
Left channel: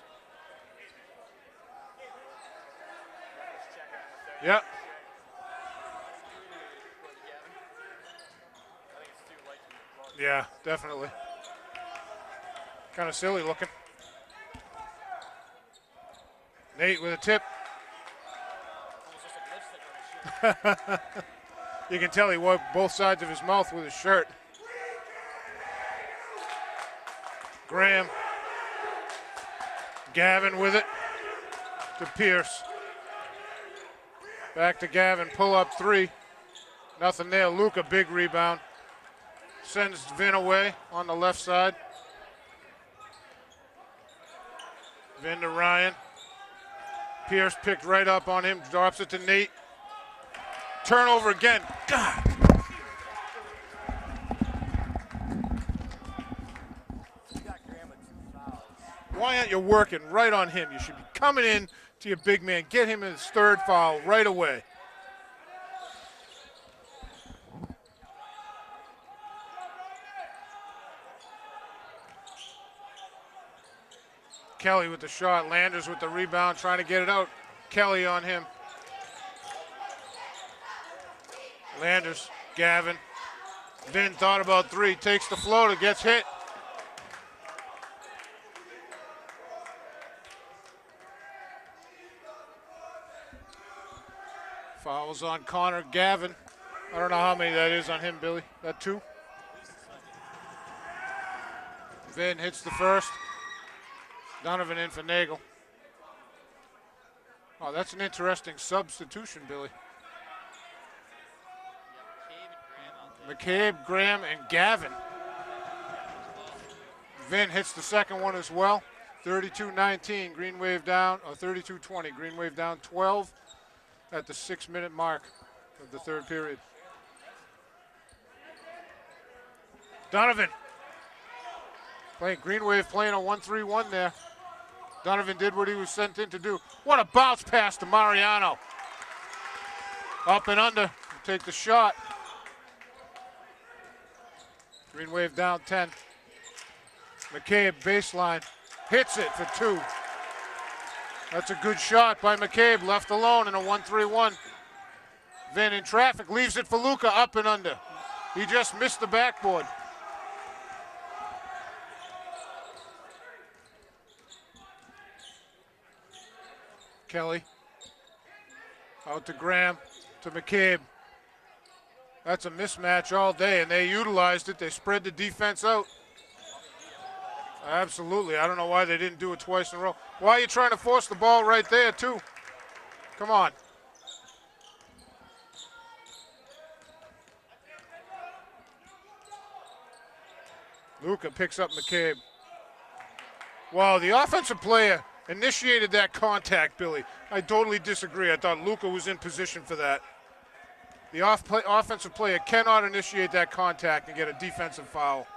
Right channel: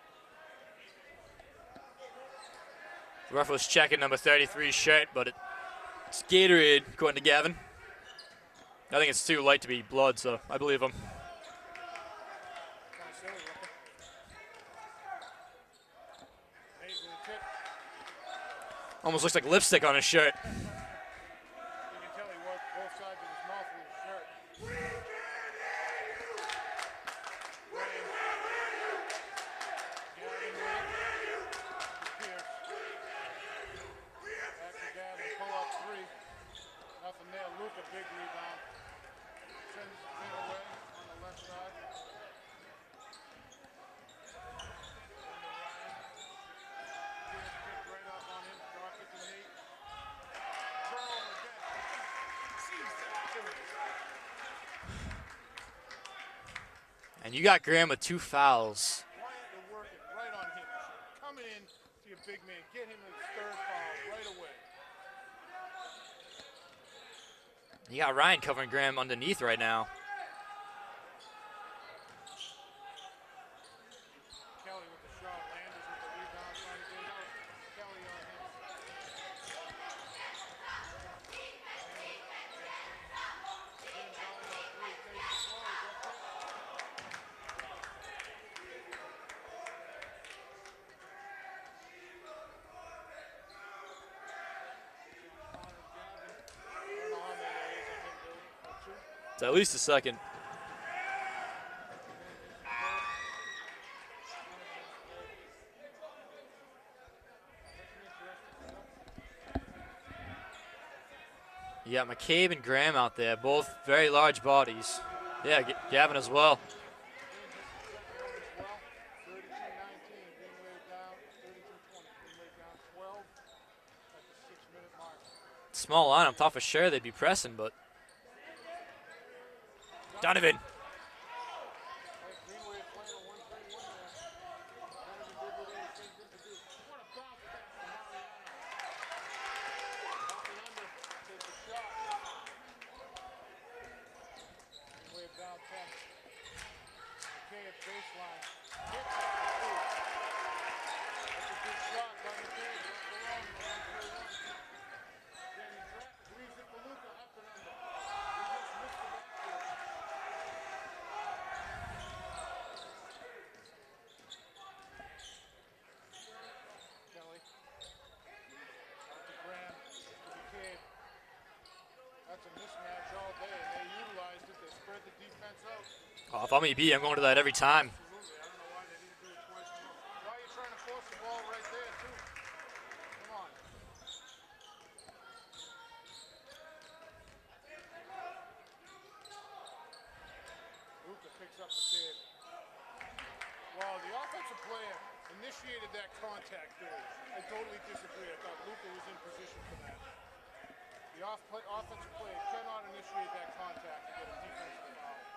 The ref was checking number 33's shirt, but it's Gatorade, according to Gavin. I think it's too light to be blood, so I believe him. Kind of silly looking. Nate with a tip. Almost looks like lipstick on his shirt. You can tell he wiped both sides of his mouth with his shirt. Graham. Gavin with it to Pierce. Back to Gavin, pull up three. Nothing there. Luca, big rebound. Sends Vin away on the left side. Vin to Ryan. Pierce picked right up on him, drops it to Nate. Turnover again. God. And you got Graham with 2 fouls. Why aren't you working right on him? You should be coming in to your big man. Get him his 3rd foul right away. You got Ryan covering Graham underneath right now. Kelly with the shot. Landers with the rebound, trying to get it out. Kelly on him. Landers, Gavin. Vin thought about 3, takes the floater, gets hit. Fouls on Connor. Gavin. I don't know how many that is on him, Billy. That 2? It's at least a 2nd. Vin hits the 1st. Donovan in for Nagel. Oh, that's an interesting substitution, Billy. You got McCabe and Graham out there. McCabe, both very Graham, large and bodies. Gavin. Yeah, Gavin as well. Vin hits the 2nd one as well. 32-19, Green Wave down, or 32-20. Green Wave down 12 at the 6-minute mark. Small line, I thought for sure they'd be pressing, but. Donovan. Green Wave playing a 1-3-1 there. Donovan did what he was sent in to do. What a bounce pass to Mariano. Up and under, take the shot. Green Wave down 10. McCabe, baseline, hits it for 2. That's a good shot by McCabe, left alone in a 1-3-1. Vin in traffic, leaves it for Luca, up and under. He just missed the backboard. Kelly, out to Graham, to McCabe. That's a mismatch all day, and they utilized it. They spread the defense out. Oh, if I'm EB, I'm going to that every time. Absolutely. I don't know why they didn't do it twice in a row. Why are you trying to force the ball right there, too? Come on. Luca picks up McCabe. Wow, the offensive player initiated that contact, Billy. I totally disagree. I thought Luca was in position for that. The offensive player cannot initiate that contact and get a defensive foul.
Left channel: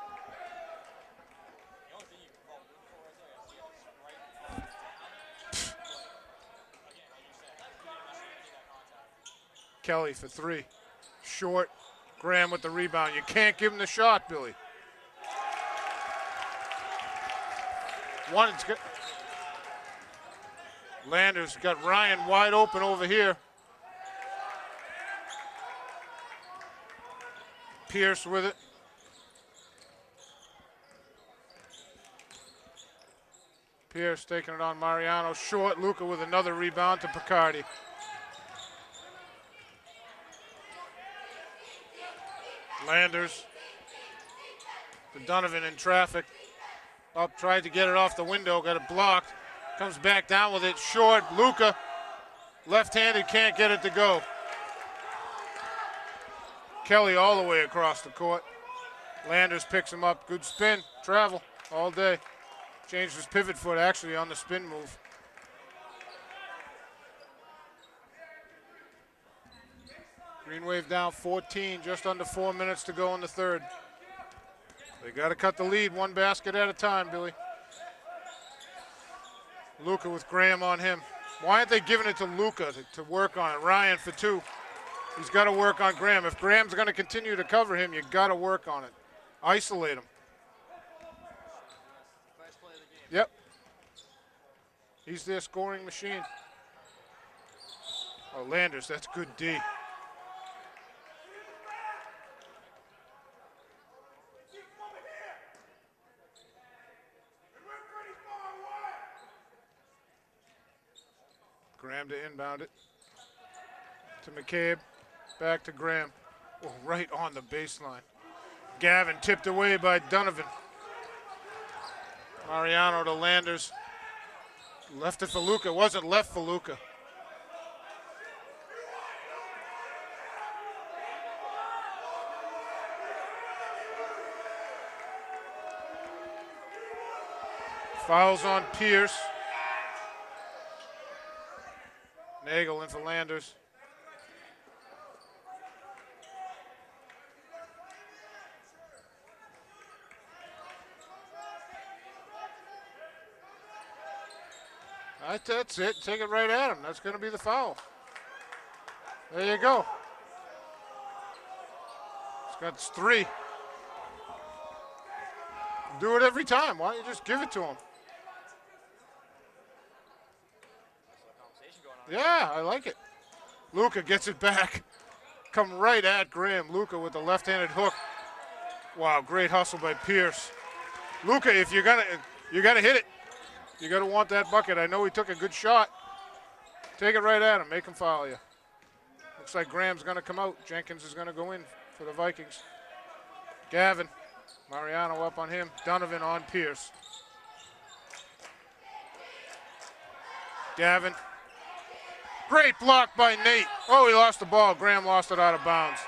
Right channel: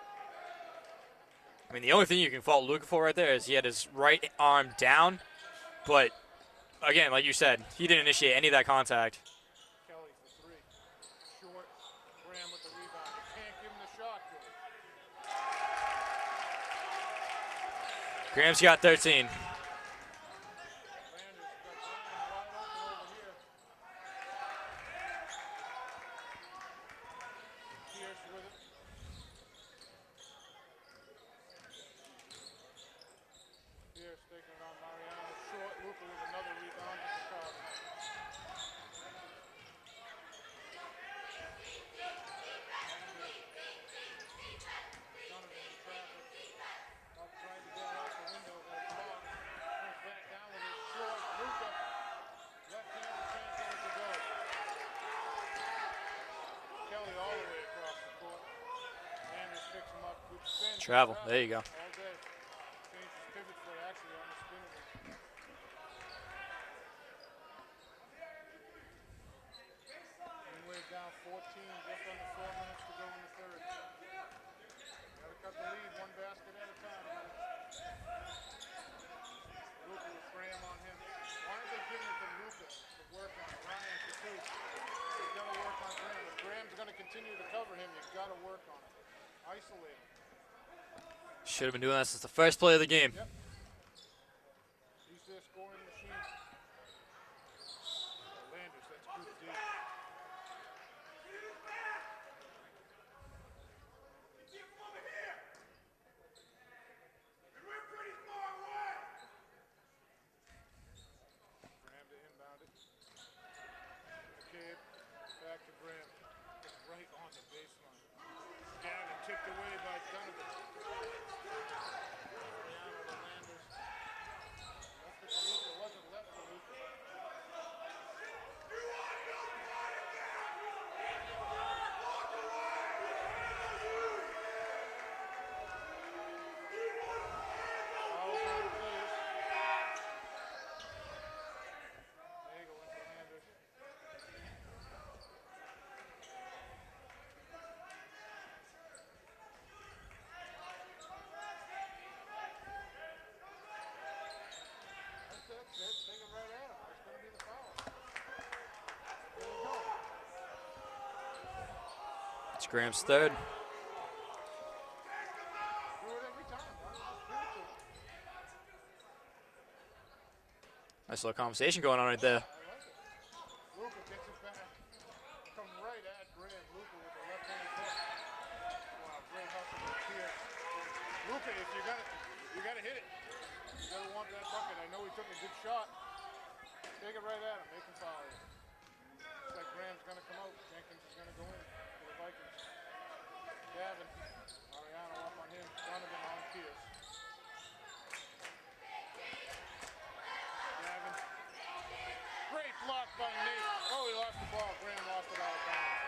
I mean, the only thing you can fault Luca for right there is he had his right arm down. But, again, like you said, he didn't initiate any of that contact. Kelly for 3. Short. Graham with the rebound. You can't give him the shot, Billy. Graham's got 13. Landers got Ryan wide open over here. Pierce with it. Pierce taking it on Mariano. Short. Luca with another rebound to Picardi. Landers to Donovan in traffic. Up, tried to get it off the window, got it blocked. Comes back down with it, short. Luca, left-handed, can't get it to go. Kelly all the way across the court. Landers picks him up, good spin. Travel. There you go. All day. Changed his pivot foot actually on the spin move. Green Wave down 14, just under 4 minutes to go in the 3rd. They got to cut the lead 1 basket at a time, Billy. Luca with Graham on him. Why aren't they giving it to Luca to work on it? Ryan for 2. He's got to work on Graham. If Graham's going to continue to cover him, you got to work on it. Isolate him. Should have been doing that since the first play of the game. Yep. He's their scoring machine. Oh, Landers, that's good D. Graham to inbound it. To McCabe. Back to Graham. Oh, right on the baseline. Gavin tipped away by Donovan. Mariano to Landers. Left it for Luca. Wasn't left for Luca. Fouls on Pierce. Nagel in for Landers. That's it. Take it right at him. That's going to be the foul. There you go. That's Graham's 3. third. Do it every time. Why don't you just give it to him? Nice little conversation going on right there. Yeah, I like it. Luca gets it back. Come right at Graham. Luca with the left-handed hook. Wow, great hustle by Pierce. Luca, if you gotta hit it. You gotta want that bucket. I know he took a good shot. Take it right at him. Make him foul you. Looks like Graham's gonna come out. Jenkins is gonna go in for the Vikings. Gavin. Mariano up on him. Donovan on Pierce. Gavin. Great block by Nate. Oh, he lost the ball. Graham lost it out of bounds.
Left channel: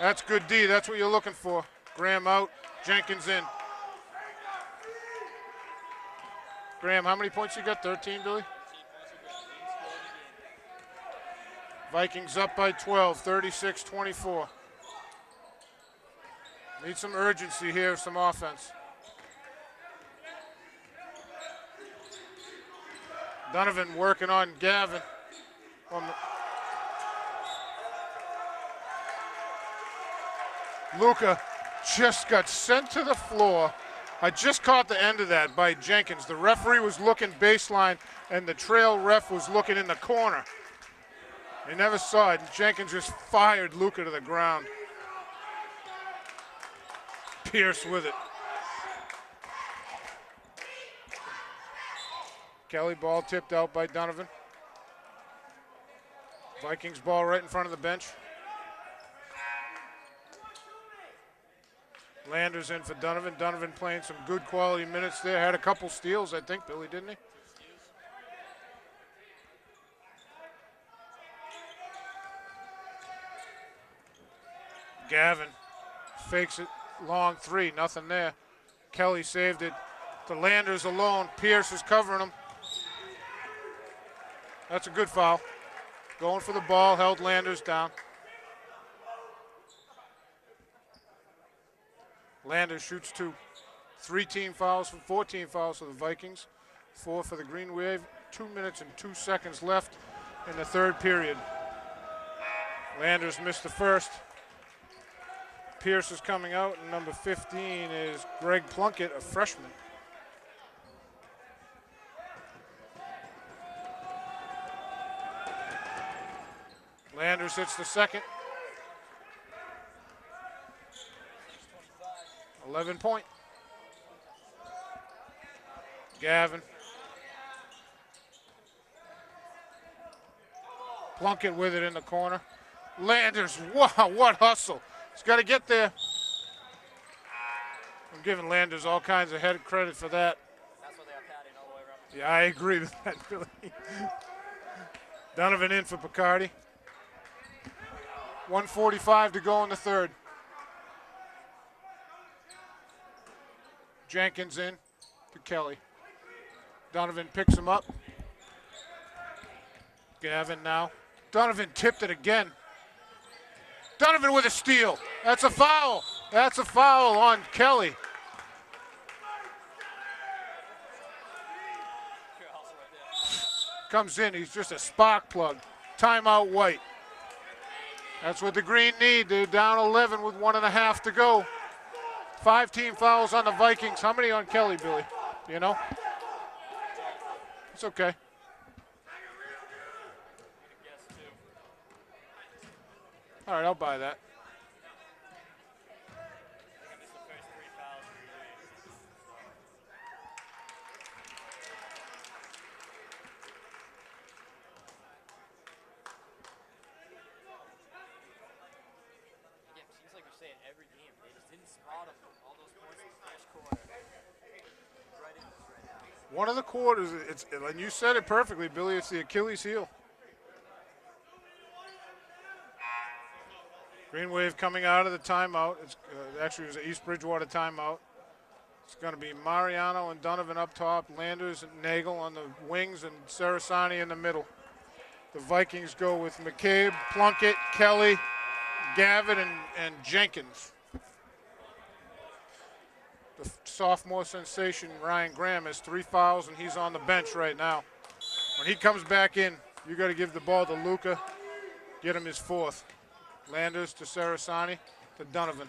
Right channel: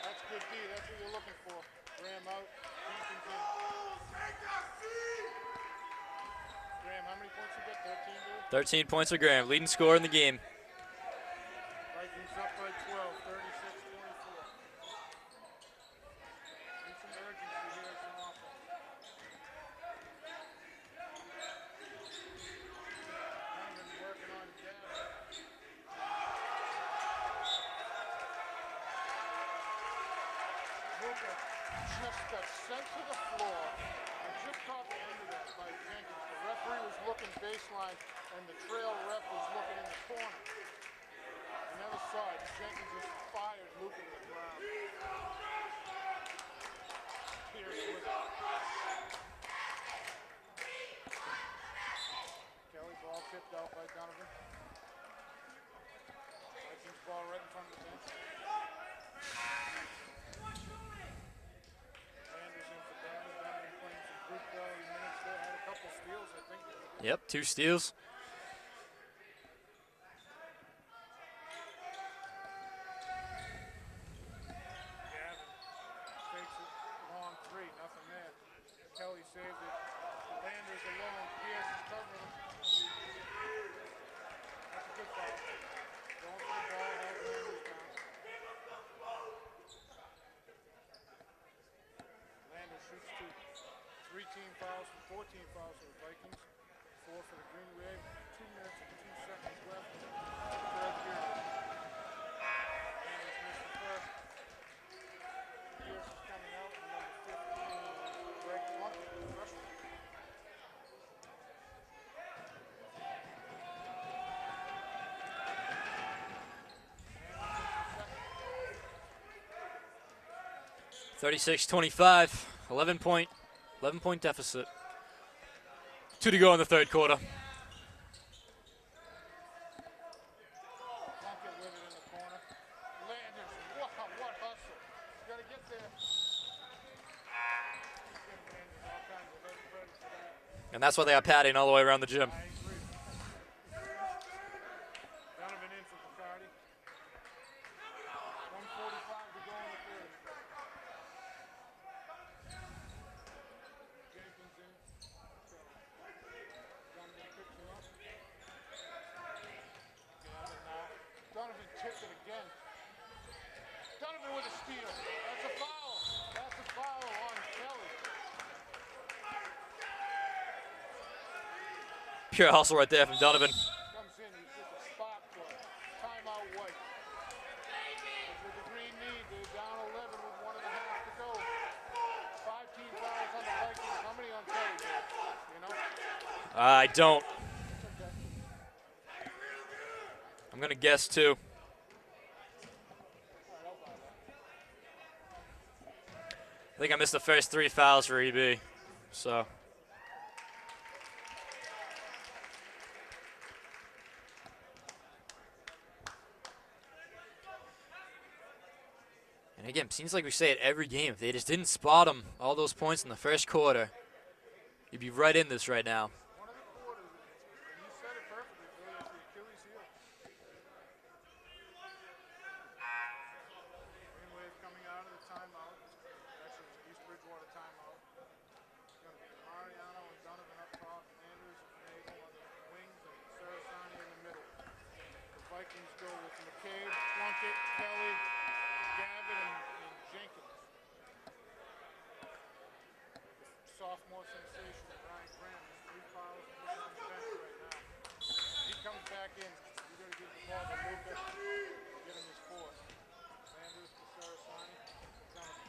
That's good D. That's what you're looking for. Graham out. Jenkins in. Graham, how many points you got? 13, Billy? 13 points for Graham. Leading scorer in the game. Vikings up by 12, 36-24. Need some urgency here, some offense. Donovan working on Gavin. Luca just got sent to the floor. I just caught the end of that by Jenkins. The referee was looking baseline, and the trail ref was looking in the corner. They never saw it. Jenkins just fired Luca to the ground. Pierce with it. Kelly ball tipped out by Donovan. Vikings ball right in front of the bench. Landers in for Donovan. Donovan playing some good quality minutes there. Had a couple steals, I think, Billy, didn't he? Yep, 2 steals. Gavin fakes it. Long 3, nothing there. Kelly saved it. To Landers alone. Pierce is covering him. That's a good foul. Going for the ball, held Landers down. Landers shoots 2. 3 team fouls, 14 fouls for the Vikings. 4 for the Green Wave. 2 minutes and 2 seconds left in the third period. Landers missed the first. Pierce is coming out, and number 15 is Greg Plunkett, a freshman. Landers hits the second. 36-25, 11-point deficit. 2 to Yeah. go in the third quarter. Plunkett with it in the corner. Landers, wow, what hustle. He's got to get there. I'm giving Landers all kinds of head credit for that. And that's why they got padding all the way around the gym. I agree with that, Billy. Donovan in for Picardi. 1:45 to go in the third. Jenkins in to Kelly. Donovan picks him up. Gavin now. Donovan tipped it again. Donovan with a steal. That's a foul. That's a foul on Kelly. Pure hustle right there from Donovan. Comes in, he's just a spark plug. Timeout White. That's what the Green need. They're down 11 with 1.5 to go. 5 team fouls on the Vikings. How many on Kelly, Billy? You know? I don't. It's okay. I'm going to guess 2. All right, I'll buy that. I think I missed the first 3 fouls for EB. So. And again, seems like we say it every game. They just didn't spot him all those points in the first quarter. You'd be right in this right now. One of the quarters, and you said it perfectly, Billy, it's the Achilles heel. Green Wave coming out of the timeout. Actually, it was an East Bridgewater timeout. It's going to be Mariano and Donovan up top, Landers and Nagel on the wings, and Sarasani in the middle. The Vikings go with McCabe, Plunkett, Kelly, Gavin, and Jenkins. The sophomore sensation, Ryan Graham, has 3 fouls, and he's on the bench right now. When he comes back in, you got to give the ball to Luca, get him his 4th. Landers to Sarasani, to Donovan.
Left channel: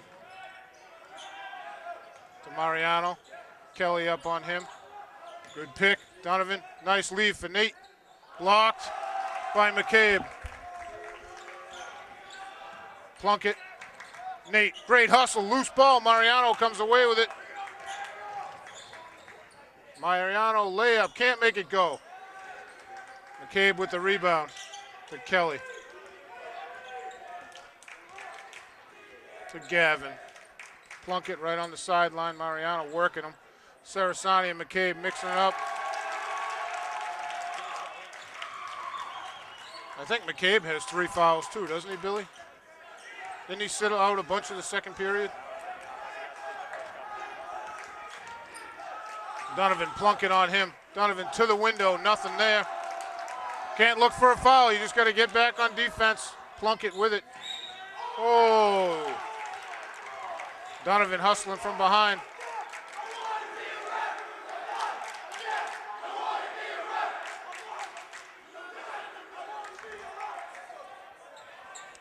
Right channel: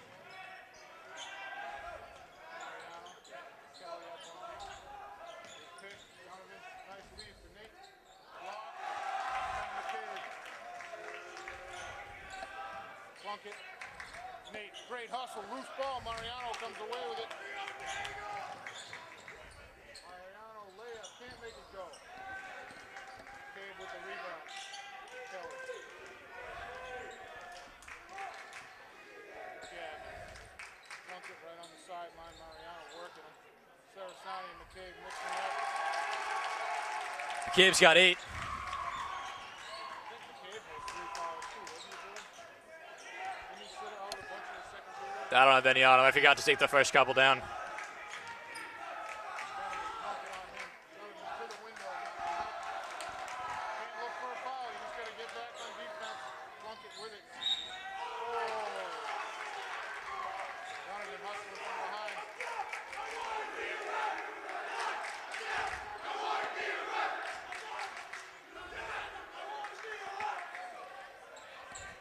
To Mariano, Kelly up on him. Good pick, Donovan, nice lead for Nate. Blocked by McCabe. Plunkett, Nate, great hustle, loose ball, Mariano comes away with it. Mariano layup, can't make it go. McCabe with the rebound to Kelly. To Gavin. Plunkett right on the sideline, Mariano working him. Sarasani and McCabe mixing it up. McCabe's got 8. I think McCabe has 3 fouls too, doesn't he, Billy? Didn't he sit out a bunch of the second period? I don't have any on him. I forgot to take the first couple down. Donovan, Plunkett on him. Donovan to the window, nothing there. Can't look for a foul, you just got to get back on defense. Plunkett with it. Oh! Donovan hustling from behind.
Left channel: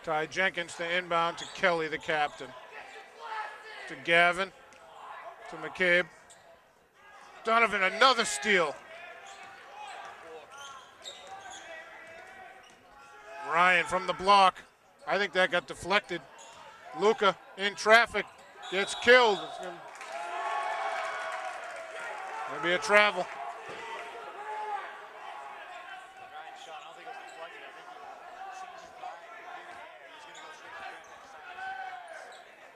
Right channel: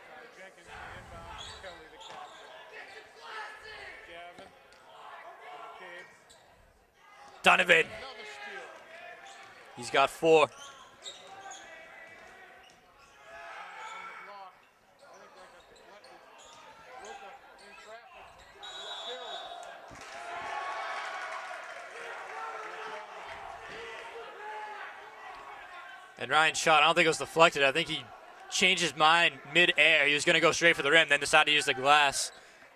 Ty Jenkins to inbound to Kelly, the captain. To Gavin, to McCabe. Donovan, another steal. He's got 4. Ryan from the block. I think that got deflected. Luca in traffic, gets killed. It's gonna be a travel. And Ryan's shot, I don't think it was deflected. I think he changed his mind mid-air. He was going to go straight for the rim, then decided to use the glass.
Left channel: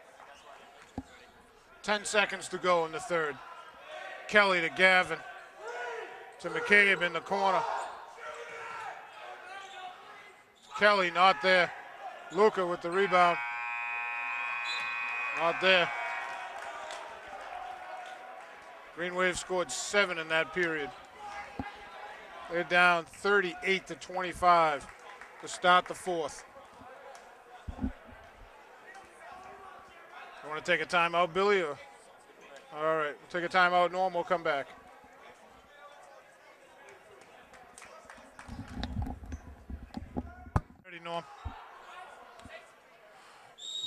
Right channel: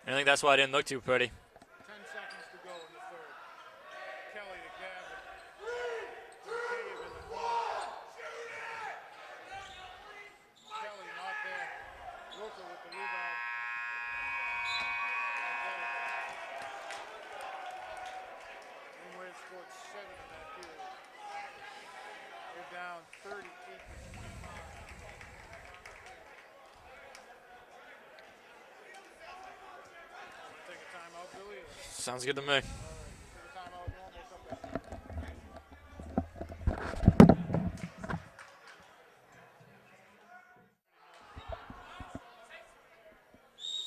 And I think that's why it didn't look too pretty. 10 seconds to go in the third. Kelly to Gavin. To McCabe in the corner. Kelly not there. Luca with the rebound. Not there. Green Wave scored 7 in that period. They're down 38-25 to start the 4th. You want to take a timeout, Billy? Or? Sounds good to me. All right, we'll take a timeout, Norm. We'll come back. Ready, Norm.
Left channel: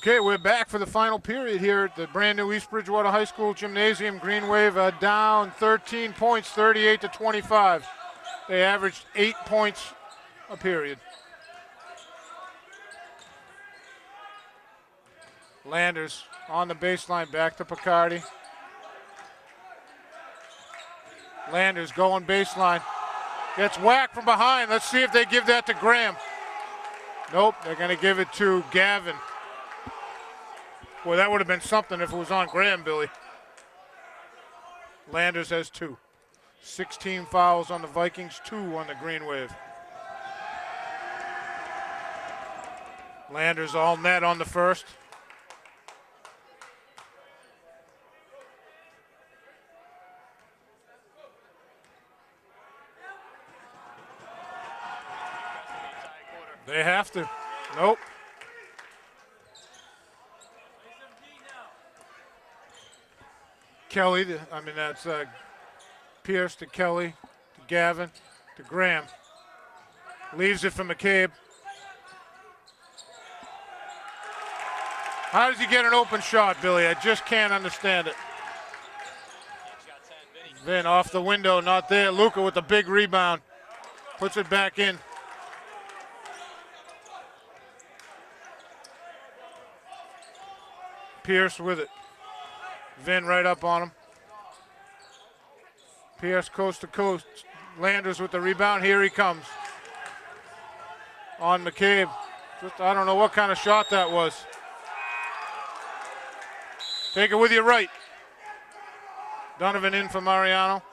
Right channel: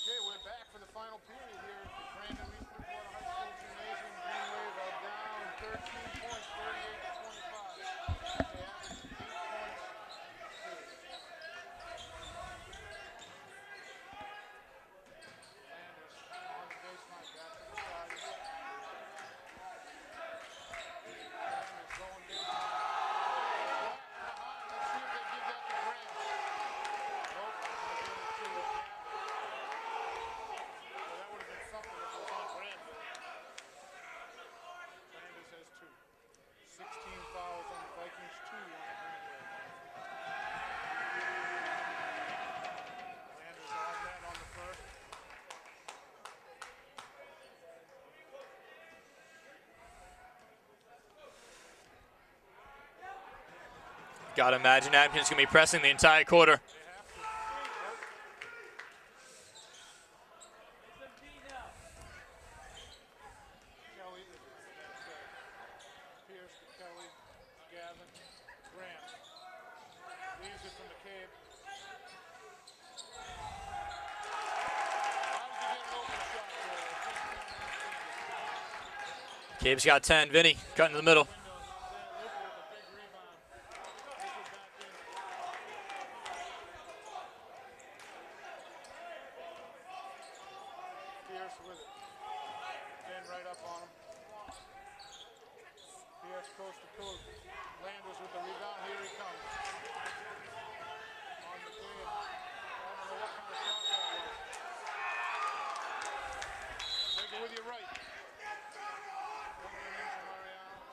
Okay, we're back for the final period here at the brand new East Bridgewater High School Gymnasium. Green Wave down 13 points, 38-25. They averaged 8 points a period. Landers on the baseline, back to Picardi. Landers going baseline. Gets whacked from behind. Let's see if they give that to Graham. Nope, they're going to give it to Gavin. Boy, that would have been something if it was on Graham, Billy. Landers has 2. 16 fouls on the Vikings, 2 on the Green Wave. Landers all net on the first. Gotta imagine Abington's gonna be pressing the entire quarter. They have to. Nope. Kelly, that's Pierce to Kelly, to Gavin, to Graham. Leaves it for McCabe. How does he get an open shot, Billy? I just can't understand it. McCabe's got 10. Vinny, Then off the window, not there. Luca with a big rebound. Puts it back in. Pierce with it. Vin right up on him. Pierce coast to coast. Landers with the rebound. Here he comes. On McCabe. I don't know what kind of shot that was. Take it with your right. Donovan in for Mariano.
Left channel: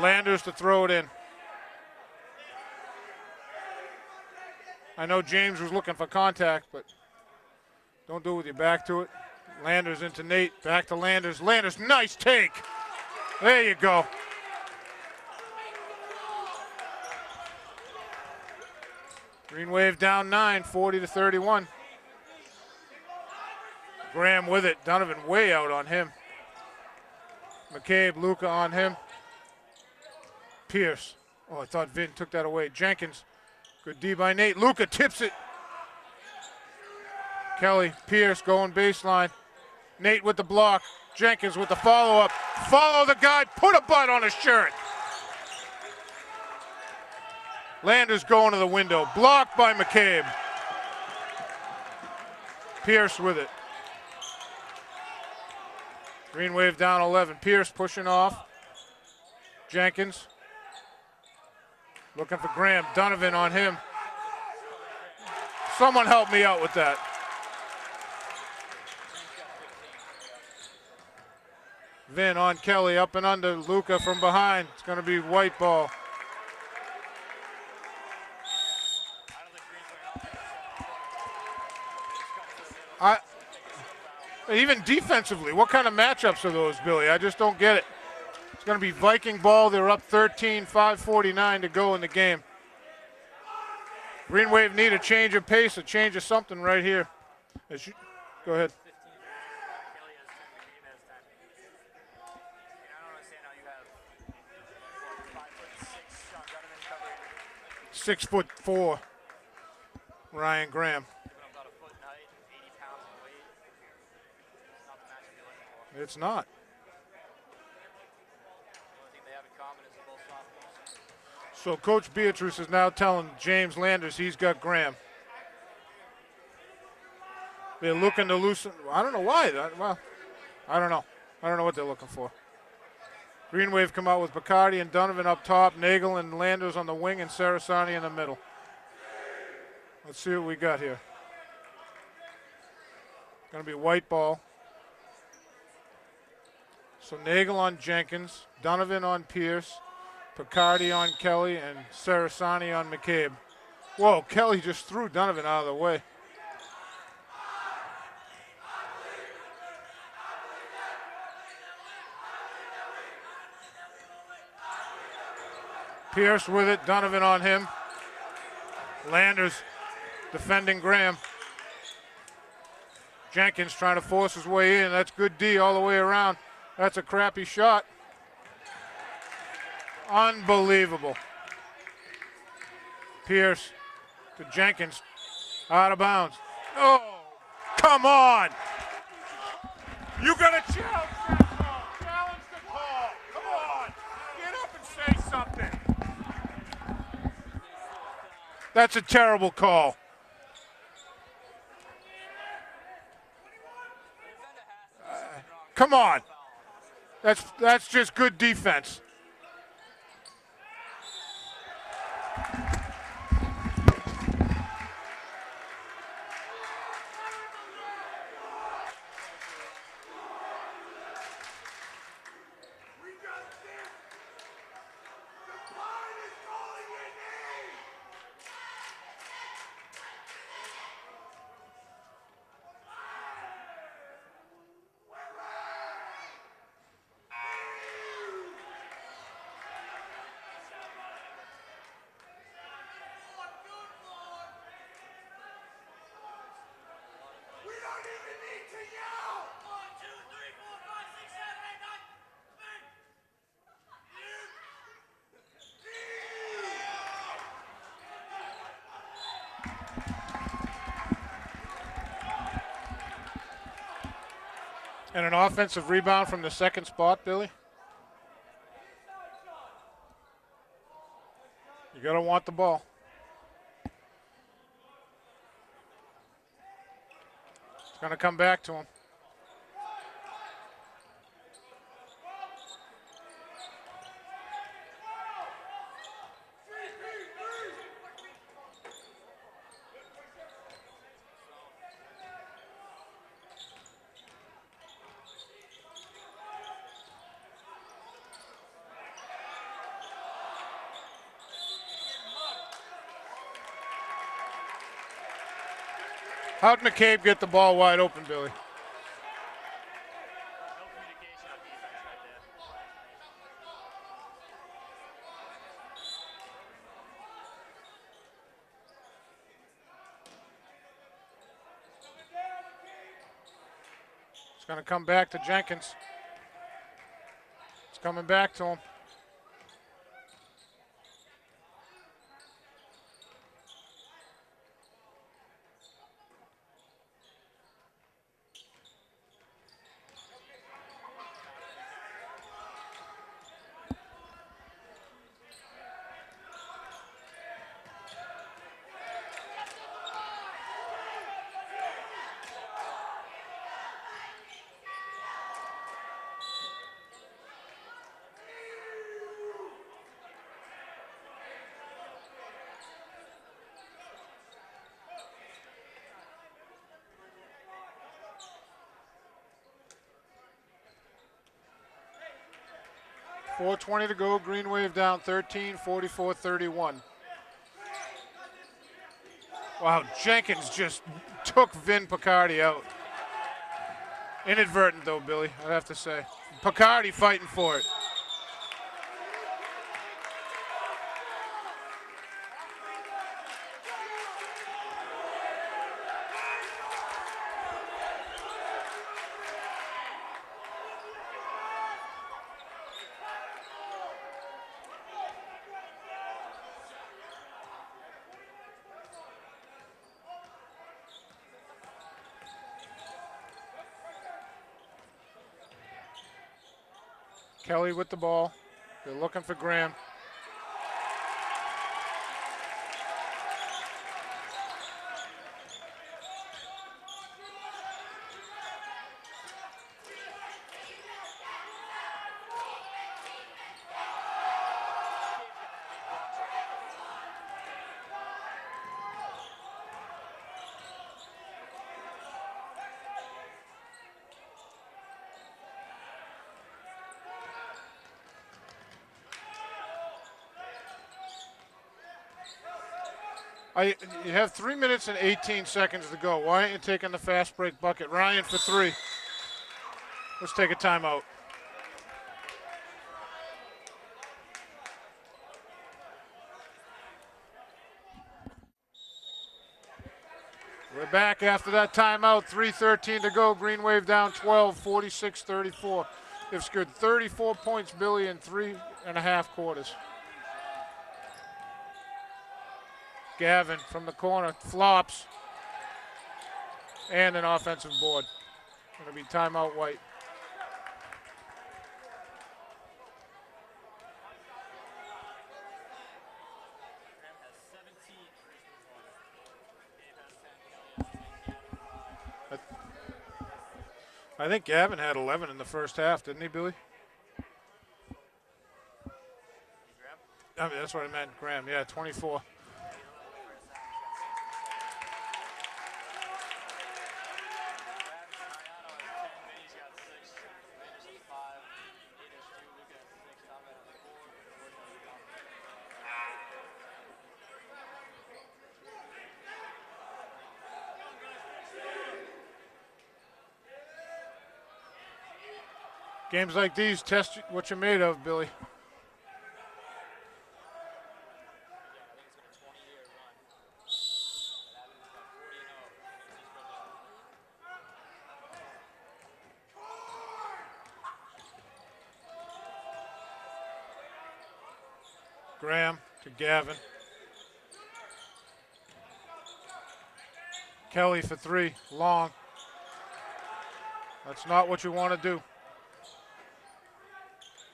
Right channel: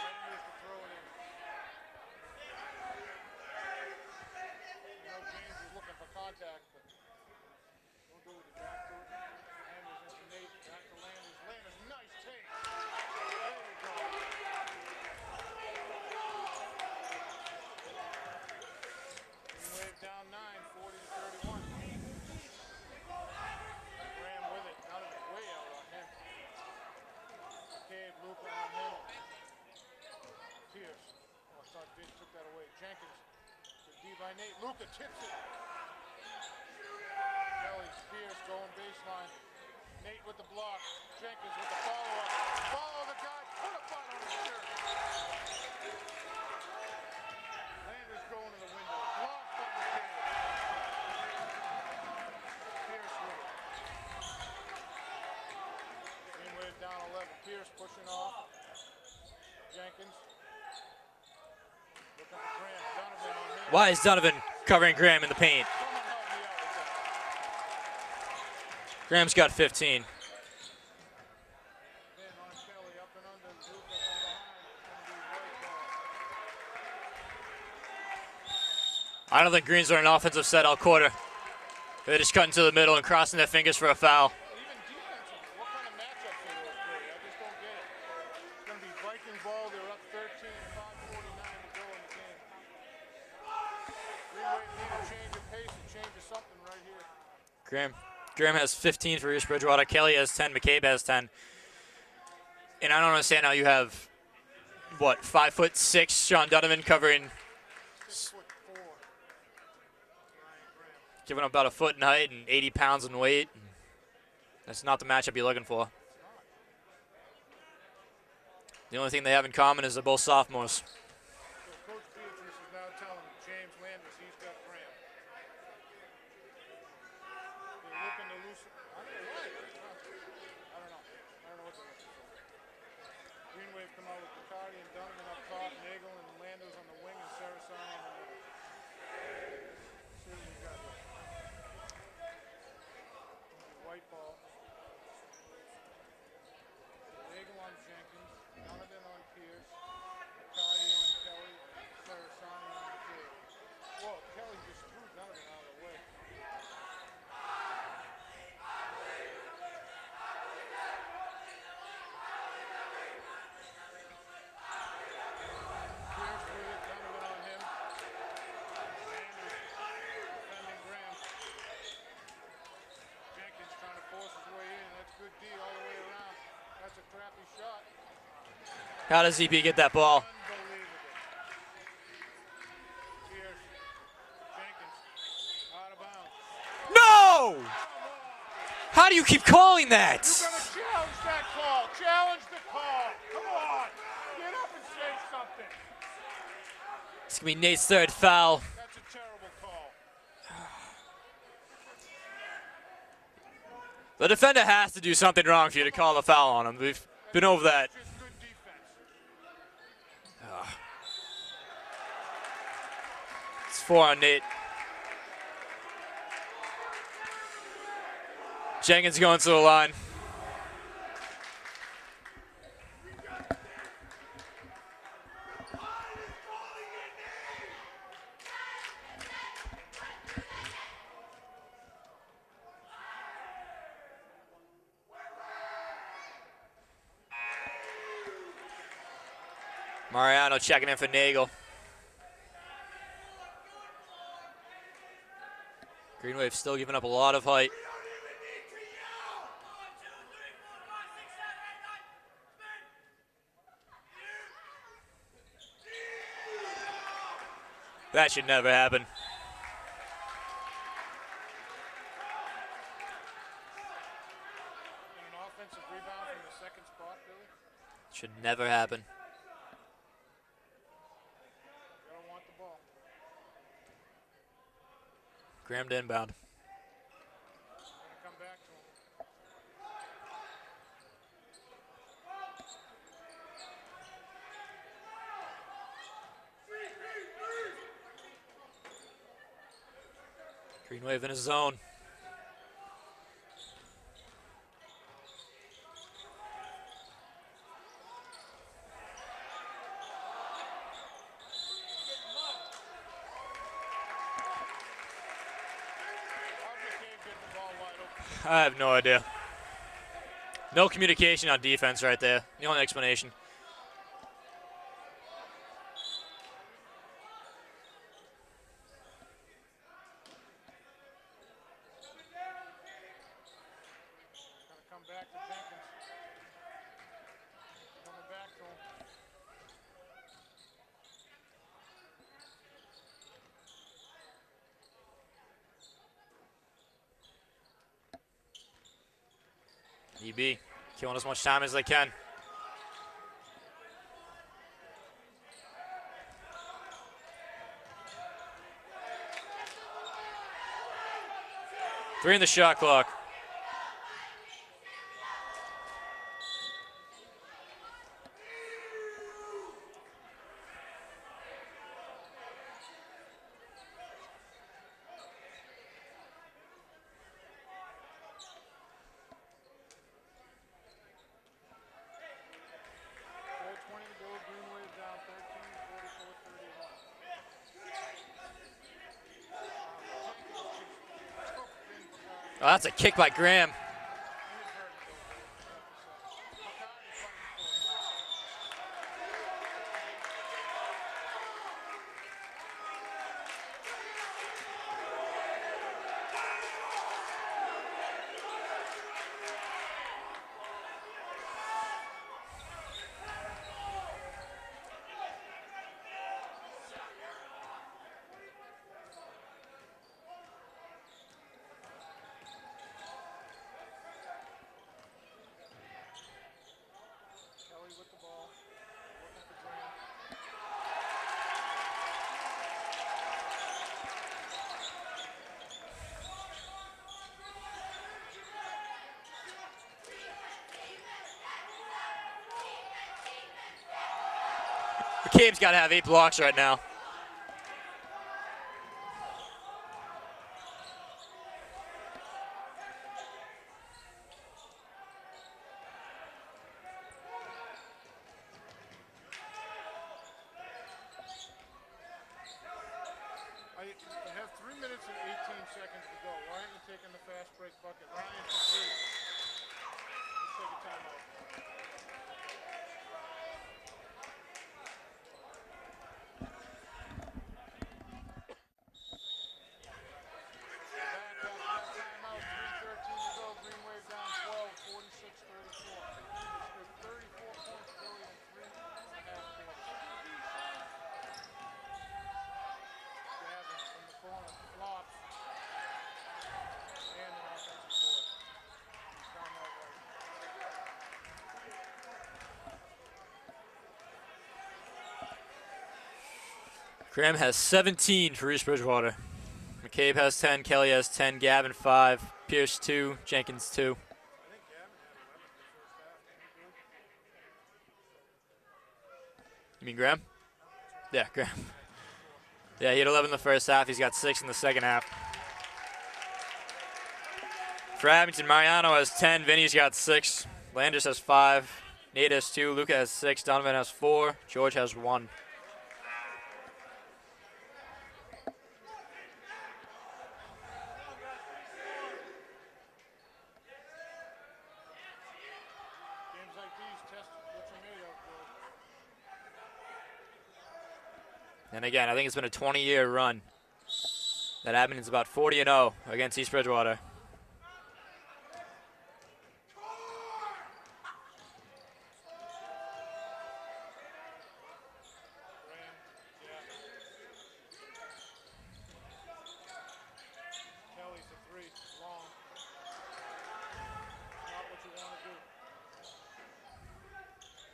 Landers to throw it in. I know James was looking for contact, but don't do it with your back to it. Landers into Nate, back to Landers. Landers, nice take. There you go. Green Wave down 9, 40-31. Graham with it. Donovan way out on him. McCabe, Luca on him. Pierce. Oh, I thought Vin took that away. Jenkins. Good D by Nate. Luca tips it. Kelly, Pierce going baseline. Nate with the block. Jenkins with the follow-up. Follow the guy. Put a butt on his shirt. Landers going to the window. Blocked by McCabe. Pierce with it. Green Wave down 11. Pierce pushing off. Jenkins. Looking for Graham. Donovan on him. Why is Donovan covering Graham in the paint? Someone help me out with that. Graham's got 15. Vin on Kelly, up and under. Luca from behind. It's going to be white ball. I don't think Greens are an offensive set all quarter. They're just cutting to the middle and crossing their fingers for a foul. Even defensively, what kind of matchups are those, Billy? I just don't get it. It's going to be Viking ball. They're up 13, 5:49 to go in the game. Green Wave need a change of pace, a change of something right here. Graham has 15 for East Bridgewater. Kelly has 10. McCabe has 10. And I don't understand how you have, what, 5'6" Sean Donovan covering 6'4" Ryan Graham. Giving up about a foot in height and 80 pounds in weight. That's not the matchup you're looking for. It's not. The only thing they have in common is they're both sophomores. So Coach Beatrice is now telling James Landers he's got Graham. They're looking to loosen. I don't know why. Well, I don't know. I don't know what they're looking for. Green Wave come out with Bacardi and Donovan up top, Nagel and Landers on the wing, and Sarasani in the middle. Let's see what we got here. Going to be white ball. So Nagel on Jenkins, Donovan on Pierce, Bacardi on Kelly, and Sarasani on McCabe. Whoa, Kelly just threw Donovan out of the way. Pierce with it, Donovan on him. Landers defending Graham. Jenkins trying to force his way in. That's good D all the way around. That's a crappy shot. How does ZP get that ball? Unbelievable. Pierce to Jenkins. Out of bounds. Oh, no! Come on! How do you keep calling that? You gotta challenge that call. Challenge the call. Come on. Get up and say something. It's going to be Nate's third foul. That's a terrible call. The defender has to do something wrong for you to call a foul on him. We've been over that. That's just good defense. It's 4 on Nate. Jenkins going to the line. Mariano checking in for Nagel. Green Wave still giving up a lot of height. That should never happen. And an offensive rebound from the second spot, Billy. Should never happen. You gotta want the ball. Graham to inbound. It's gonna come back to him. Green Wave in his zone. How'd McCabe get the ball wide open, Billy? I have no idea. No communication on defense right there. The only explanation. It's going to come back to Jenkins. It's coming back to him. EB killing as much time as they can. Three in the shot clock. .420 to go. Green Wave down 13, 44-31. Wow, Jenkins just took Vin Picardi out. That's a kick by Graham. Inadvertent, though, Billy, I'd have to say. Picardi fighting for it. Kelly with the ball. They're looking for Graham. McCabe's got to have 8 blocks right now. You have 3 minutes and 18 seconds to go. Why aren't you taking the fast break bucket? Ryan for 3. Let's take a timeout. We're back after that timeout. 3:13 to go. Green Wave down 12, 46-34. They've scored 34 points, Billy, in 3.5 quarters. Gavin from the corner flops, and an offensive board. Going to be timeout White. Graham has 17 for East Bridgewater. McCabe has 10, Kelly has 10, Gavin 5, Pierce 2, Jenkins 2. I think Gavin had 11 in the first half, didn't he, Billy? You mean Graham? I mean, that's what I meant. Yeah, Graham. Yeah, 24. Yeah, he had 11 in the first half. He's got 6 in the second half. For Abington, Mariano has 10. Vinny's got 6. Landers has 5. Nate has 2. Luca has 6. Donovan has 4. George has 1. Games like these test what you're made of, Billy. And again, I think it's been a 20-year run that Abington's about 40-0 against East Bridgewater. Graham to Gavin. Kelly for 3, long. That's not what you want to do.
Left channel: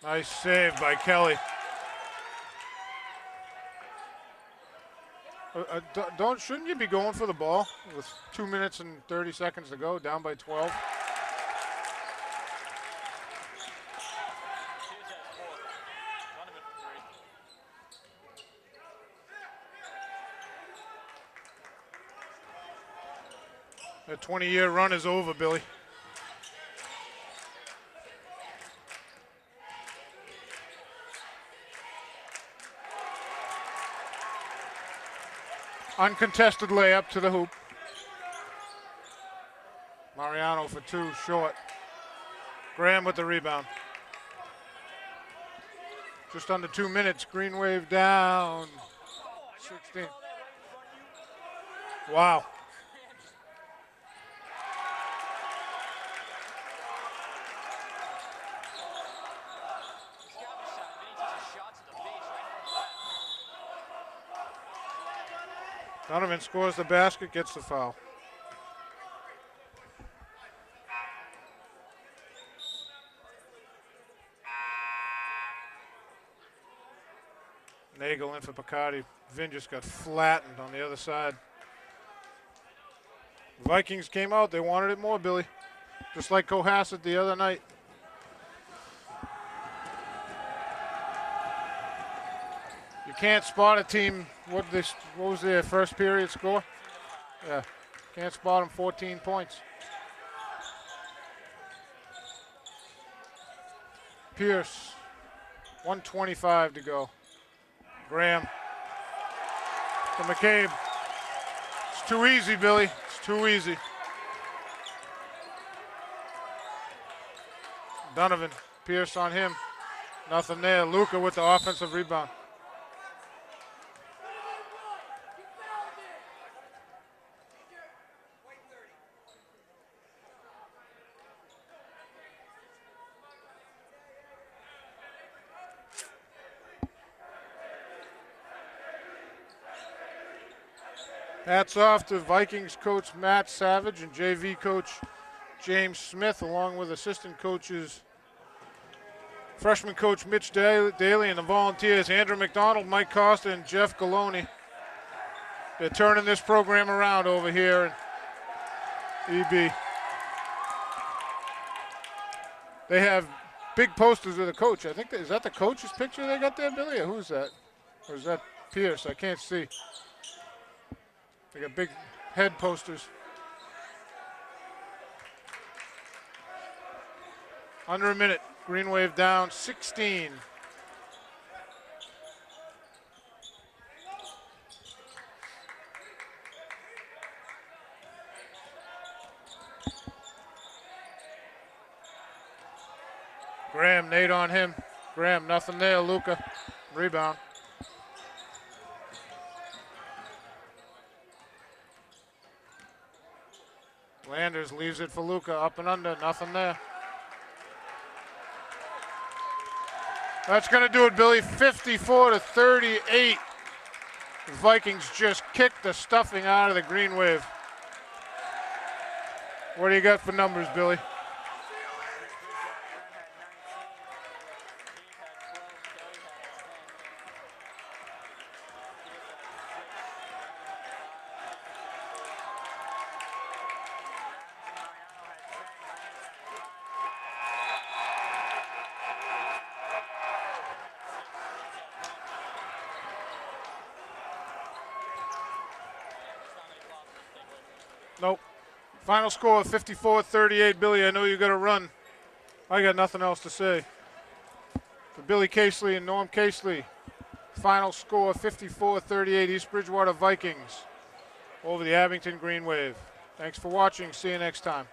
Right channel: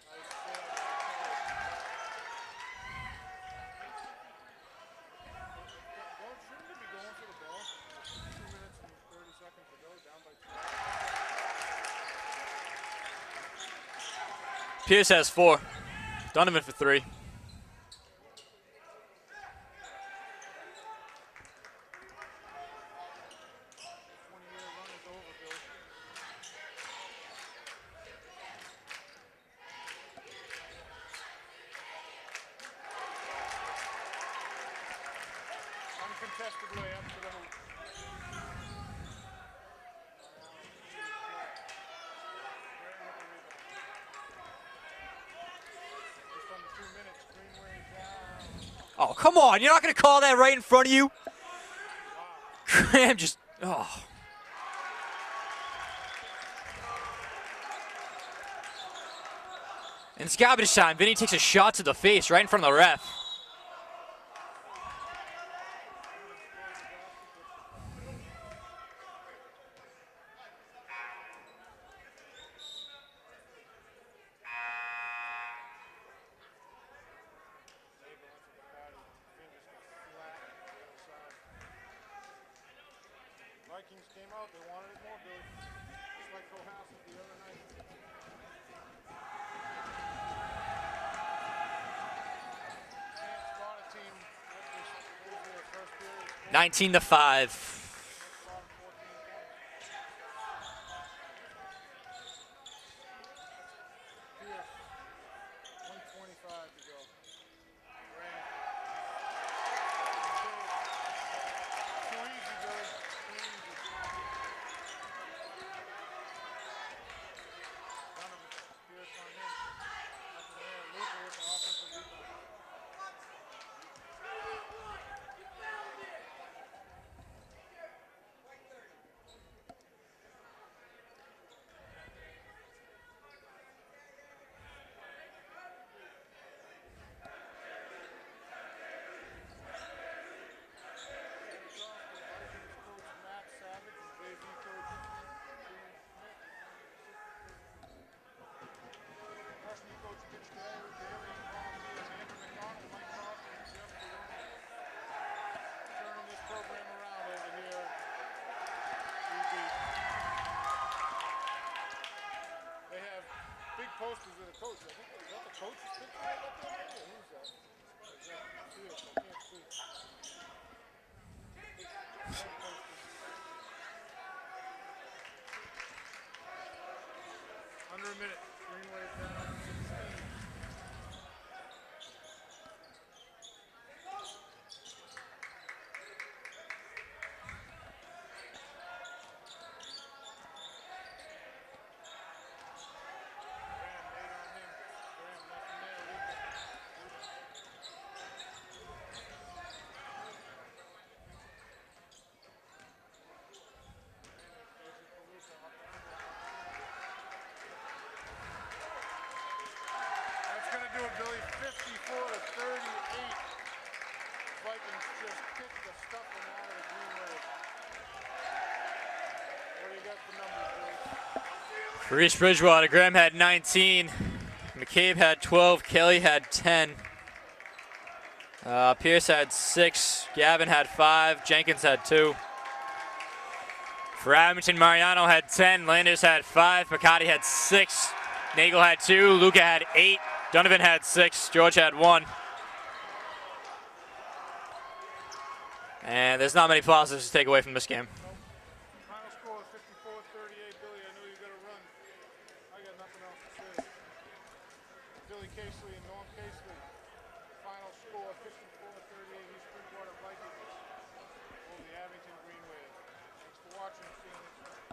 Nice save by Kelly. Shouldn't you be going for the ball with 2 minutes and 30 seconds to go, down by 12? Pierce has 4. Donovan for 3. The 20-year run is over, Billy. Uncontested layup to the hoop. Mariano for 2, short. Graham with the rebound. Just under 2 minutes, Green Wave down. Oh, come on. You're not going to call that right in front of you? Wow. Graham just, oh. And it's garbage time. Vinny takes a shot to the face right in front of the ref. Donovan scores the basket, gets the foul. Nagel in for Picardi. Vin just got flattened on the other side. The Vikings came out. They wanted it more, Billy. Just like Cohasset the other night. You can't spot a team. What was their first period score? 19-5. Yeah. Can't spot them 14 points. Pierce, 1:25 to go. Graham to McCabe. It's too easy, Billy. It's too easy. Donovan, Pierce on him. Nothing there. Luka with the offensive rebound. Hats off to Vikings coach Matt Savage and JV coach James Smith, along with assistant coaches, freshman coach Mitch Daly, and the volunteers Andrew McDonald, Mike Costa, and Jeff Galoni. They're turning this program around over here in EB. They have big posters of the coach. I think is that the coach's picture they got there, Billy? Or who's that? Or is that Pierce? I can't see. They got big head posters. Under a minute. Green Wave down 16. Graham, Nate on him. Graham, nothing there. Luka, rebound. Landers leaves it for Luka, up and under, nothing there. That's going to do it, Billy. 54-38. The Vikings just kicked the stuffing out of the Green Wave. What do you got for numbers, Billy? For East Bridgewater, Graham had 19. McCabe had 12. Kelly had 10. Pierce had 6. Gavin had 5. Jenkins had 2. For Abington, Mariano had 10. Landers had 5. Picardi had 6. Nagel had 2. Luka had 8. Donovan had 6. George had 1. And there's not many positives to take away from this game. Nope. Final score of 54-38. Billy, I know you got to run. I got nothing else to say. For Billy Casely and Norm Casely, final score 54-38. East Bridgewater Vikings over the Abington Green Wave. Thanks for watching. See you next time.